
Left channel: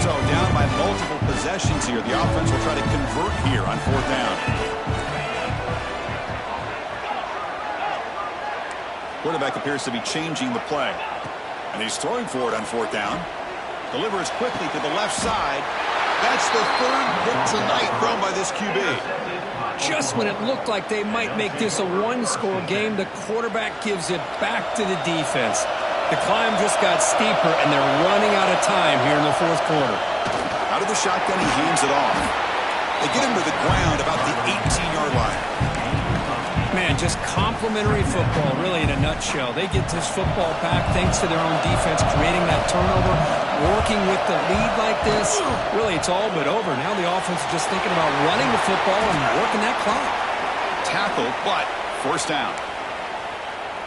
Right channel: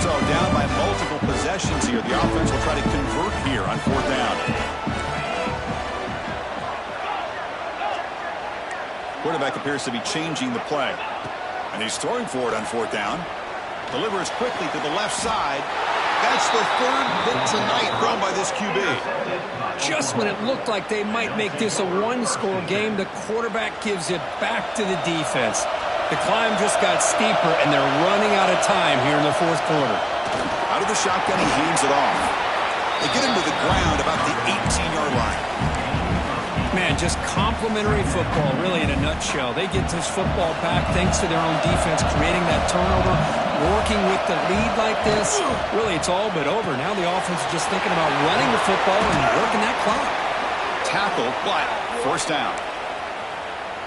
So down by multiple possessions here. The offense will try to convert here on 4th down. Quarterback appears to be changing the play. And he's throwing for it on 4th down. Delivers quickly to the left side. That's the 3rd hit tonight thrown by this QB. Just when it looked like they might make this a 1-score game, the quarterback gives it back to the defense. The climb just got steeper, and they're running out of time here in the 4th quarter. Out of the shotgun, he hands it off. They get him to the ground about the 18-yard line. Man, just complimentary football, really, in a nutshell. They get this football back thanks to their own defense, creating that turnover, working with the lead like this. Really, it's all but over. Now the offense is just thinking about running the football and working that clock. Tackle, but 1st down.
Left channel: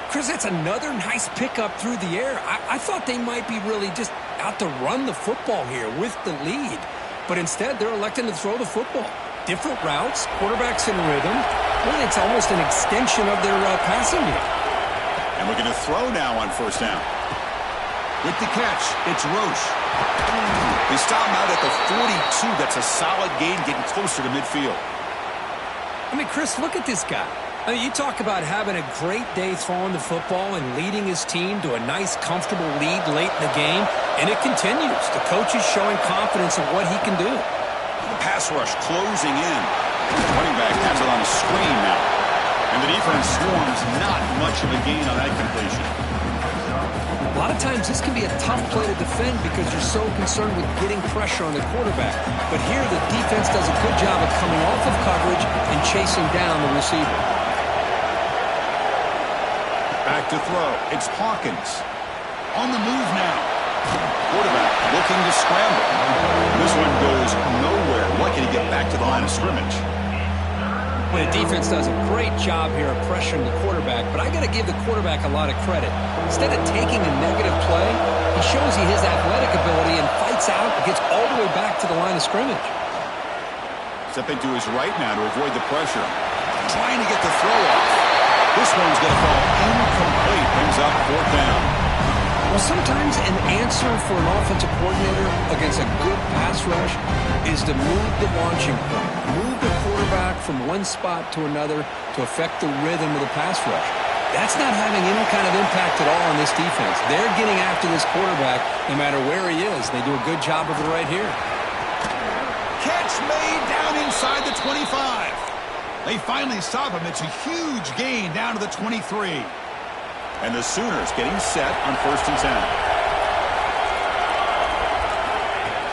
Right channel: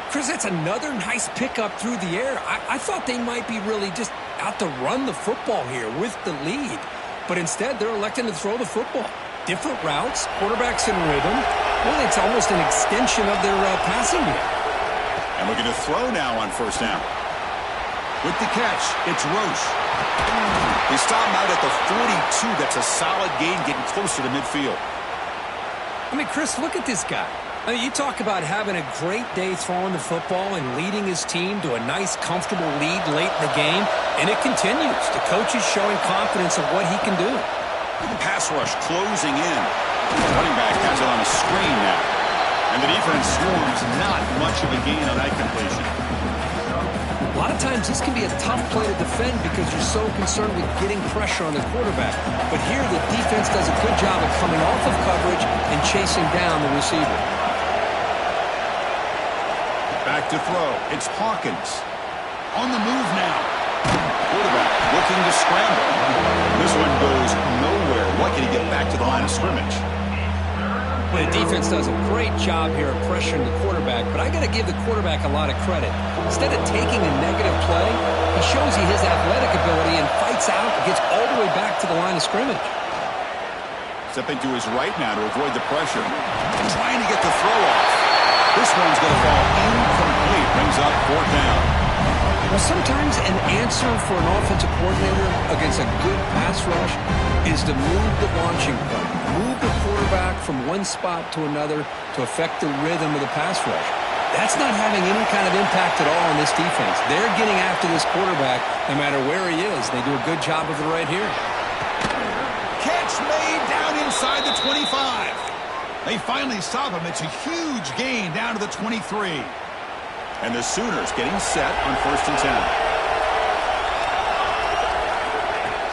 Chris, that's another nice pickup through the air. I thought they might be really just out to run the football here with the lead. But instead, they're electing to throw the football. Different routes, quarterbacks in rhythm. Really, it's almost an extension of their passing game. And looking to throw now on 1st down. With the catch, it's Roche. They stop him out at the 42. That's a solid gain, getting closer to midfield. I mean, Chris, look at this guy. I mean, you talk about having a great day throwing the football and leading his team to a nice, comfortable lead late in the game, and it continues. The coach is showing confidence in what he can do. The pass rush closing in. The running back has it on a screen now. And the defense swarms, not much of a gain on that completion. A lot of times this can be a tough play to defend because you're so concerned with getting pressure on the quarterback. But here the defense does a good job of coming off of coverage and chasing down the receiver. Back to throw. It's Hawkins. On the move now. Quarterback looking to scramble. This one goes nowhere. Lucky to get back to the line of scrimmage. Well, the defense does a great job here of pressuring the quarterback, but I got to give the quarterback a lot of credit. Instead of taking a negative play, he shows you his athletic ability and fights out and gets all the way back to the line of scrimmage. Stepping to his right now to avoid the pressure. And trying to get the throw off. This one's going to fall incomplete. Brings up 4th down. Well, sometimes an answer for an offensive coordinator against a good pass rush is to move the launching point. Move the quarterback from one spot to another to affect the rhythm of the pass rush. That's not having any kind of impact at all on this defense. They're getting after this quarterback no matter where he is. They do a good job of it right here. Catch made down inside the 25. They finally stop him. It's a huge gain down to the 23. And the Sooners getting set on 1st and 10.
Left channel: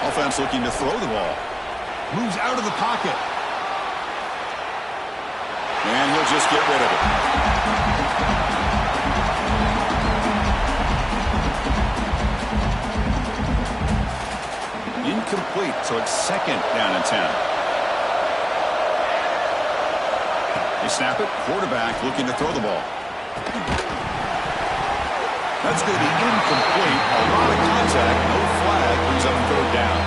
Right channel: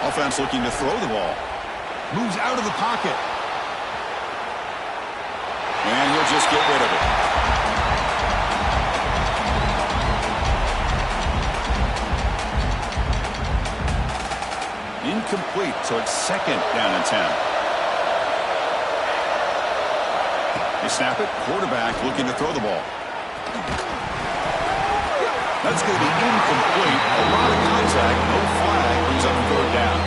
Offense looking to throw the ball. Moves out of the pocket. And he'll just get rid of it. Incomplete, so it's 2nd down and 10. They snap it. Quarterback looking to throw the ball. That's going to be incomplete. A lot of contact. No flag. Brings up 3rd down.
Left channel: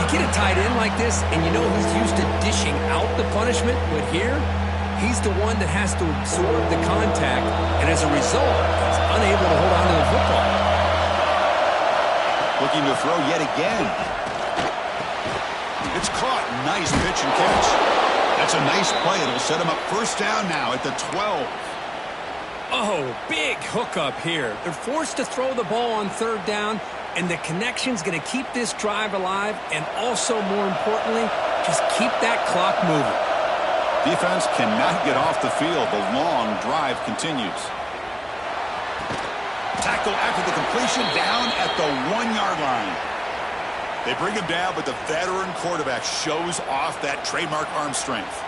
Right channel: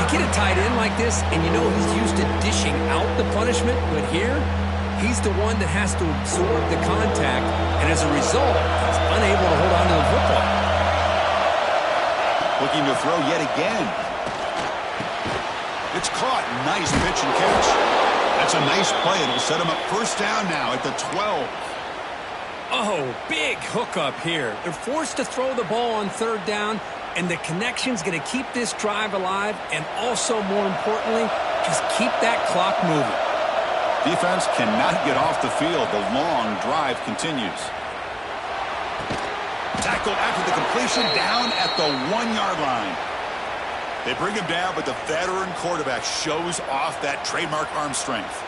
You get a tight end like this, and you know he's used to dishing out the punishment, but here, he's the one that has to absorb the contact, and as a result, he's unable to hold on to the football. Looking to throw yet again. It's caught. Nice pitch and catch. That's a nice play. It'll set him up 1st down now at the 12. Oh, big hookup here. They're forced to throw the ball on 3rd down, and the connection's going to keep this drive alive, and also, more importantly, just keep that clock moving. Defense cannot get off the field. The long drive continues. Tackled after the completion, down at the 1-yard line. They bring him down, but the veteran quarterback shows off that trademark arm strength.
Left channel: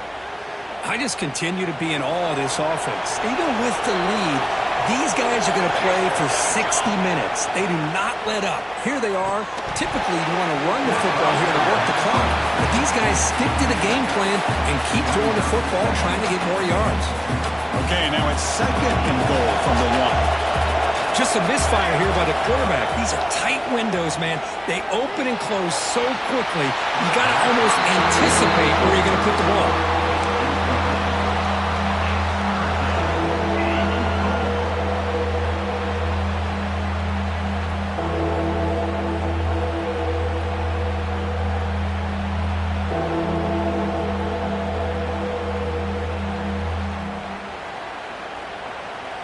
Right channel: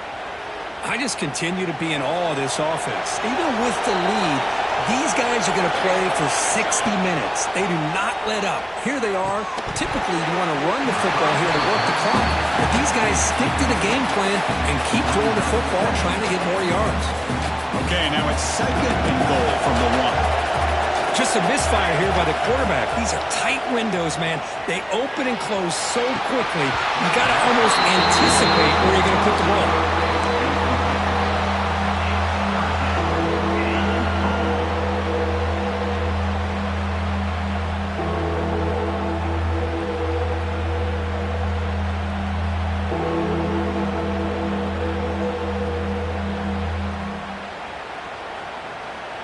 I just continue to be in awe of this offense. Even with the lead, these guys are going to play for 60 minutes. They do not let up. Here they are. Typically, you want to run the football here to work the clock, but these guys stick to the game plan and keep throwing the football, trying to get more yards. Okay, now it's 2nd and goal from the 1. Just a misfire here by the quarterback. These are tight windows, man. They open and close so quickly, you got to almost anticipate where you're going to put the ball.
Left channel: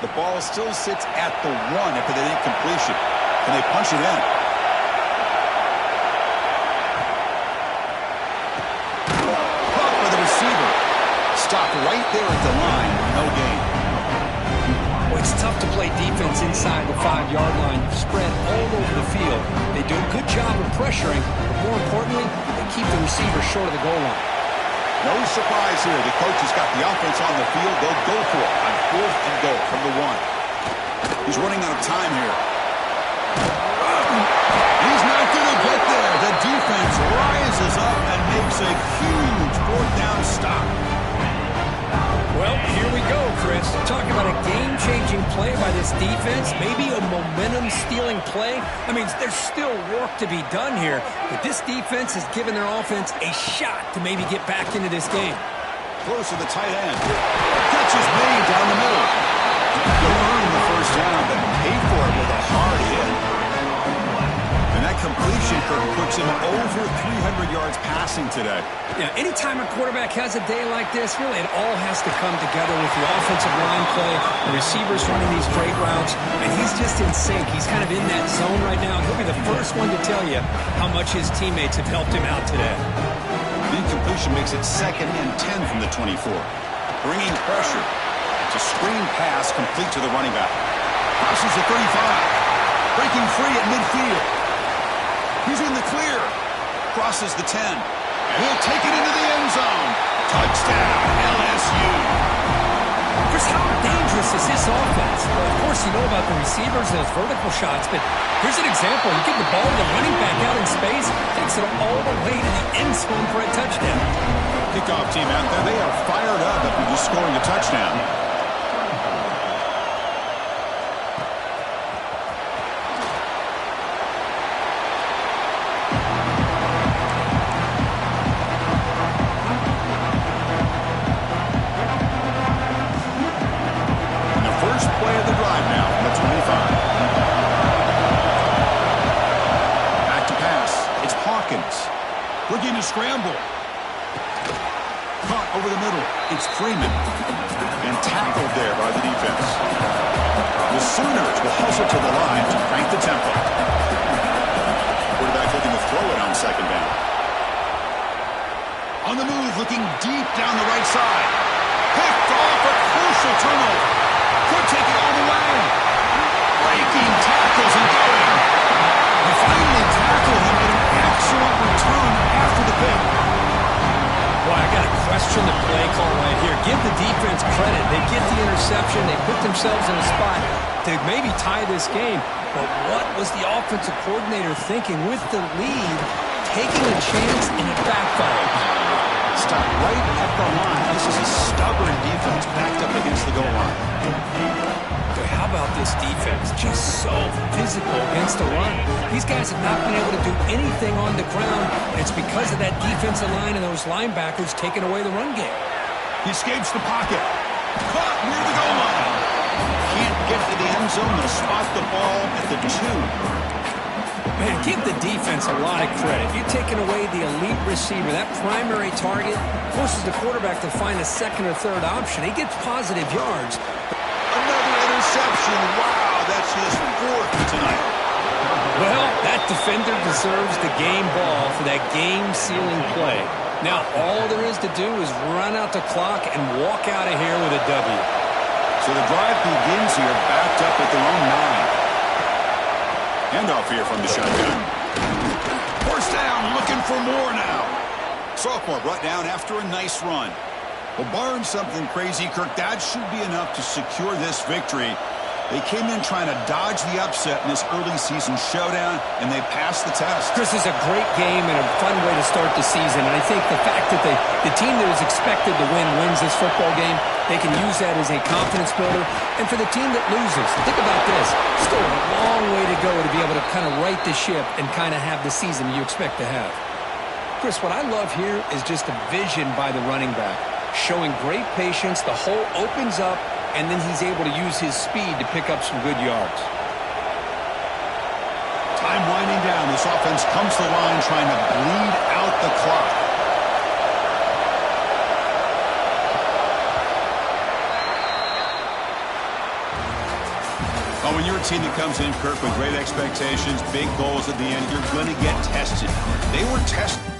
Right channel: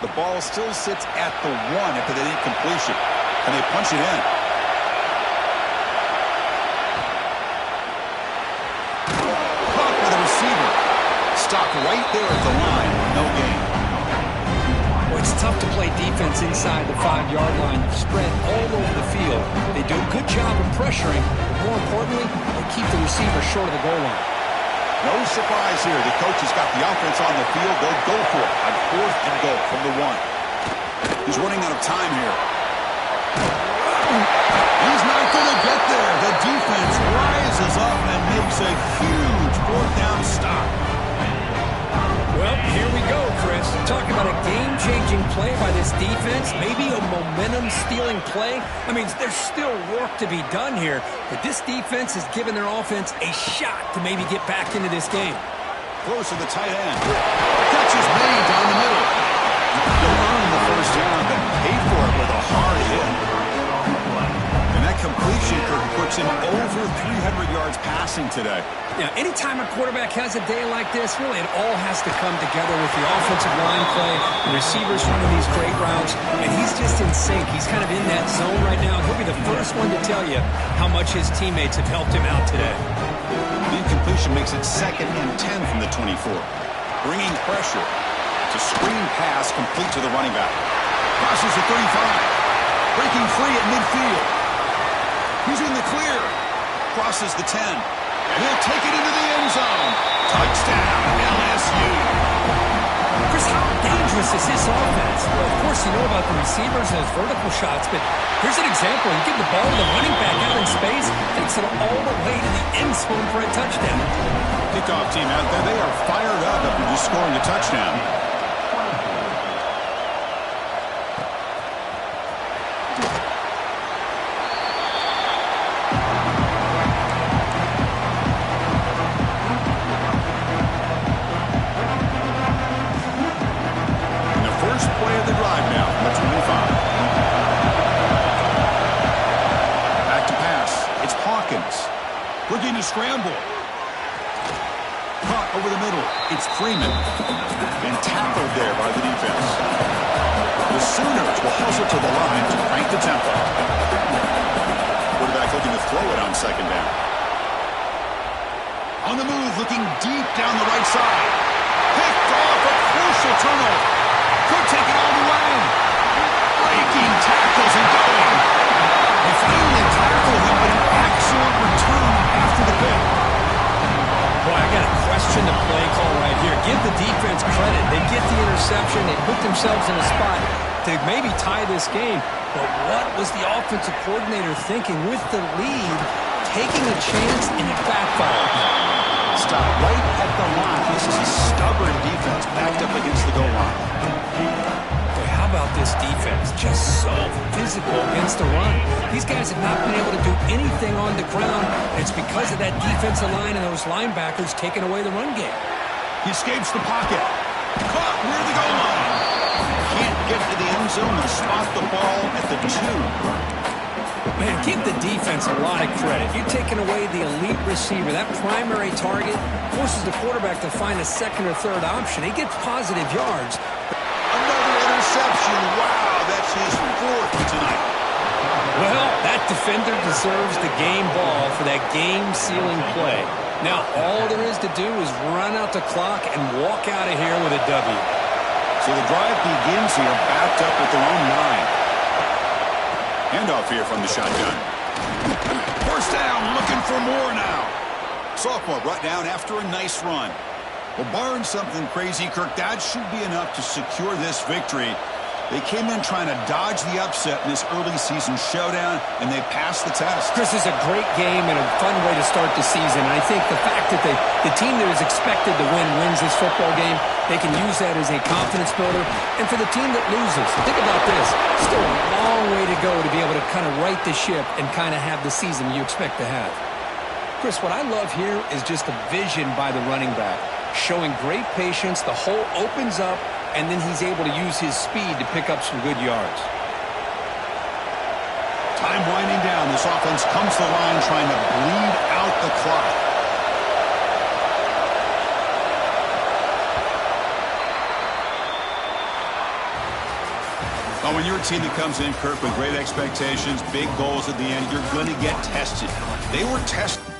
The ball still sits at the 1 after that incompletion. Can they punch it in? Caught by the receiver. Stopped right there at the line. No gain. Well, it's tough to play defense inside the 5-yard line. Spread all over the field. They do a good job of pressuring, but more importantly, they keep the receiver short of the goal line. No surprise here. The coach has got the offense on the field. They'll go for it on 4th and goal from the 1. He's running out of time here. He's not going to get there. The defense rises up and makes a huge 4th down stop. Well, here we go, Chris. Talk about a game-changing play by this defense, maybe a momentum-stealing play. I mean, there's still work to be done here, but this defense has given their offense a shot to maybe get back into this game. Close to the tight end. Catch is made down the middle. They'll earn the 1st down, but pay for it with a hard hit. And that completion puts him over 300 yards passing today. Yeah, anytime a quarterback has a day like this, really it all has to come together with the offensive line play, the receivers running these great routes, and he's just in sync. He's kind of in that zone right now. He'll be the first one to tell you how much his teammates have helped him out today. The incompletion makes it 2nd and 10 from the 24. Bringing pressure. It's a screen pass complete to the running back. Crosses the 35. Breaking free at midfield. He's in the clear. Crosses the 10. And he'll take it into the end zone. Touchdown, LSU. Chris, how dangerous is this offense? Well, of course, you know about the receivers and those vertical shots, but here's an example. You get the ball to the running back out in space, takes it all the way to the end zone for a touchdown. Kickoff team out there, they are fired up after just scoring a touchdown. Play of the drive now from the 25. Back to pass. It's Hawkins. Looking to scramble. Caught over the middle. It's Freeman. And tackled there by the defense. The Sooners will hustle to the line to crank the tempo. Quarterback looking to throw it on second down. On the move, looking deep down the right side. Picked off, a crucial turnover. Could take it all the way. Breaking tackles and going. They finally tackle him, but an excellent return after the pick. Boy, I got to question the play call right here. Give the defense credit. They get the interception. They put themselves in a spot to maybe tie this game. But what was the offensive coordinator thinking with the lead, taking a chance, and it backfired? Stop right at the line. This is a stubborn defense backed up against the goal line. Boy, how about this defense? Just so physical against the run. These guys have not been able to do anything on the ground, and it's because of that defensive line and those linebackers taking away the run game. He escapes the pocket. Caught near the goal line. Can't get to the end zone. They'll spot the ball at the 2. Man, give the defense a lot of credit. You're taking away the elite receiver. That primary target forces the quarterback to find a second or third option. He gets positive yards. Another interception. Wow, that's his 4th tonight. Well, that defender deserves the game ball for that game-sealing play. Now, all there is to do is run out the clock and walk out of here with a W. So the drive begins here, backed up at their own 9. Handoff here from the shotgun. First down, looking for more now. Sophomore brought down after a nice run. Well, barring something crazy, Kirk, that should be enough to secure this victory. They came in trying to dodge the upset in this early season showdown, and they passed the test. Chris, is a great game and a fun way to start the season. And I think the fact that the team that is expected to win wins this football game, they can use that as a confidence builder. And for the team that loses, think about this. Still a long way to go to be able to kind of right the ship and kind of have the season you expect to have. Chris, what I love here is just the vision by the running back. Showing great patience, the hole opens up, and then he's able to use his speed to pick up some good yards. Time winding down. This offense comes to the line trying to bleed out the clock. Well, when you're a team that comes in, Kirk, with great expectations, big goals at the end, you're going to get tested. They were tested.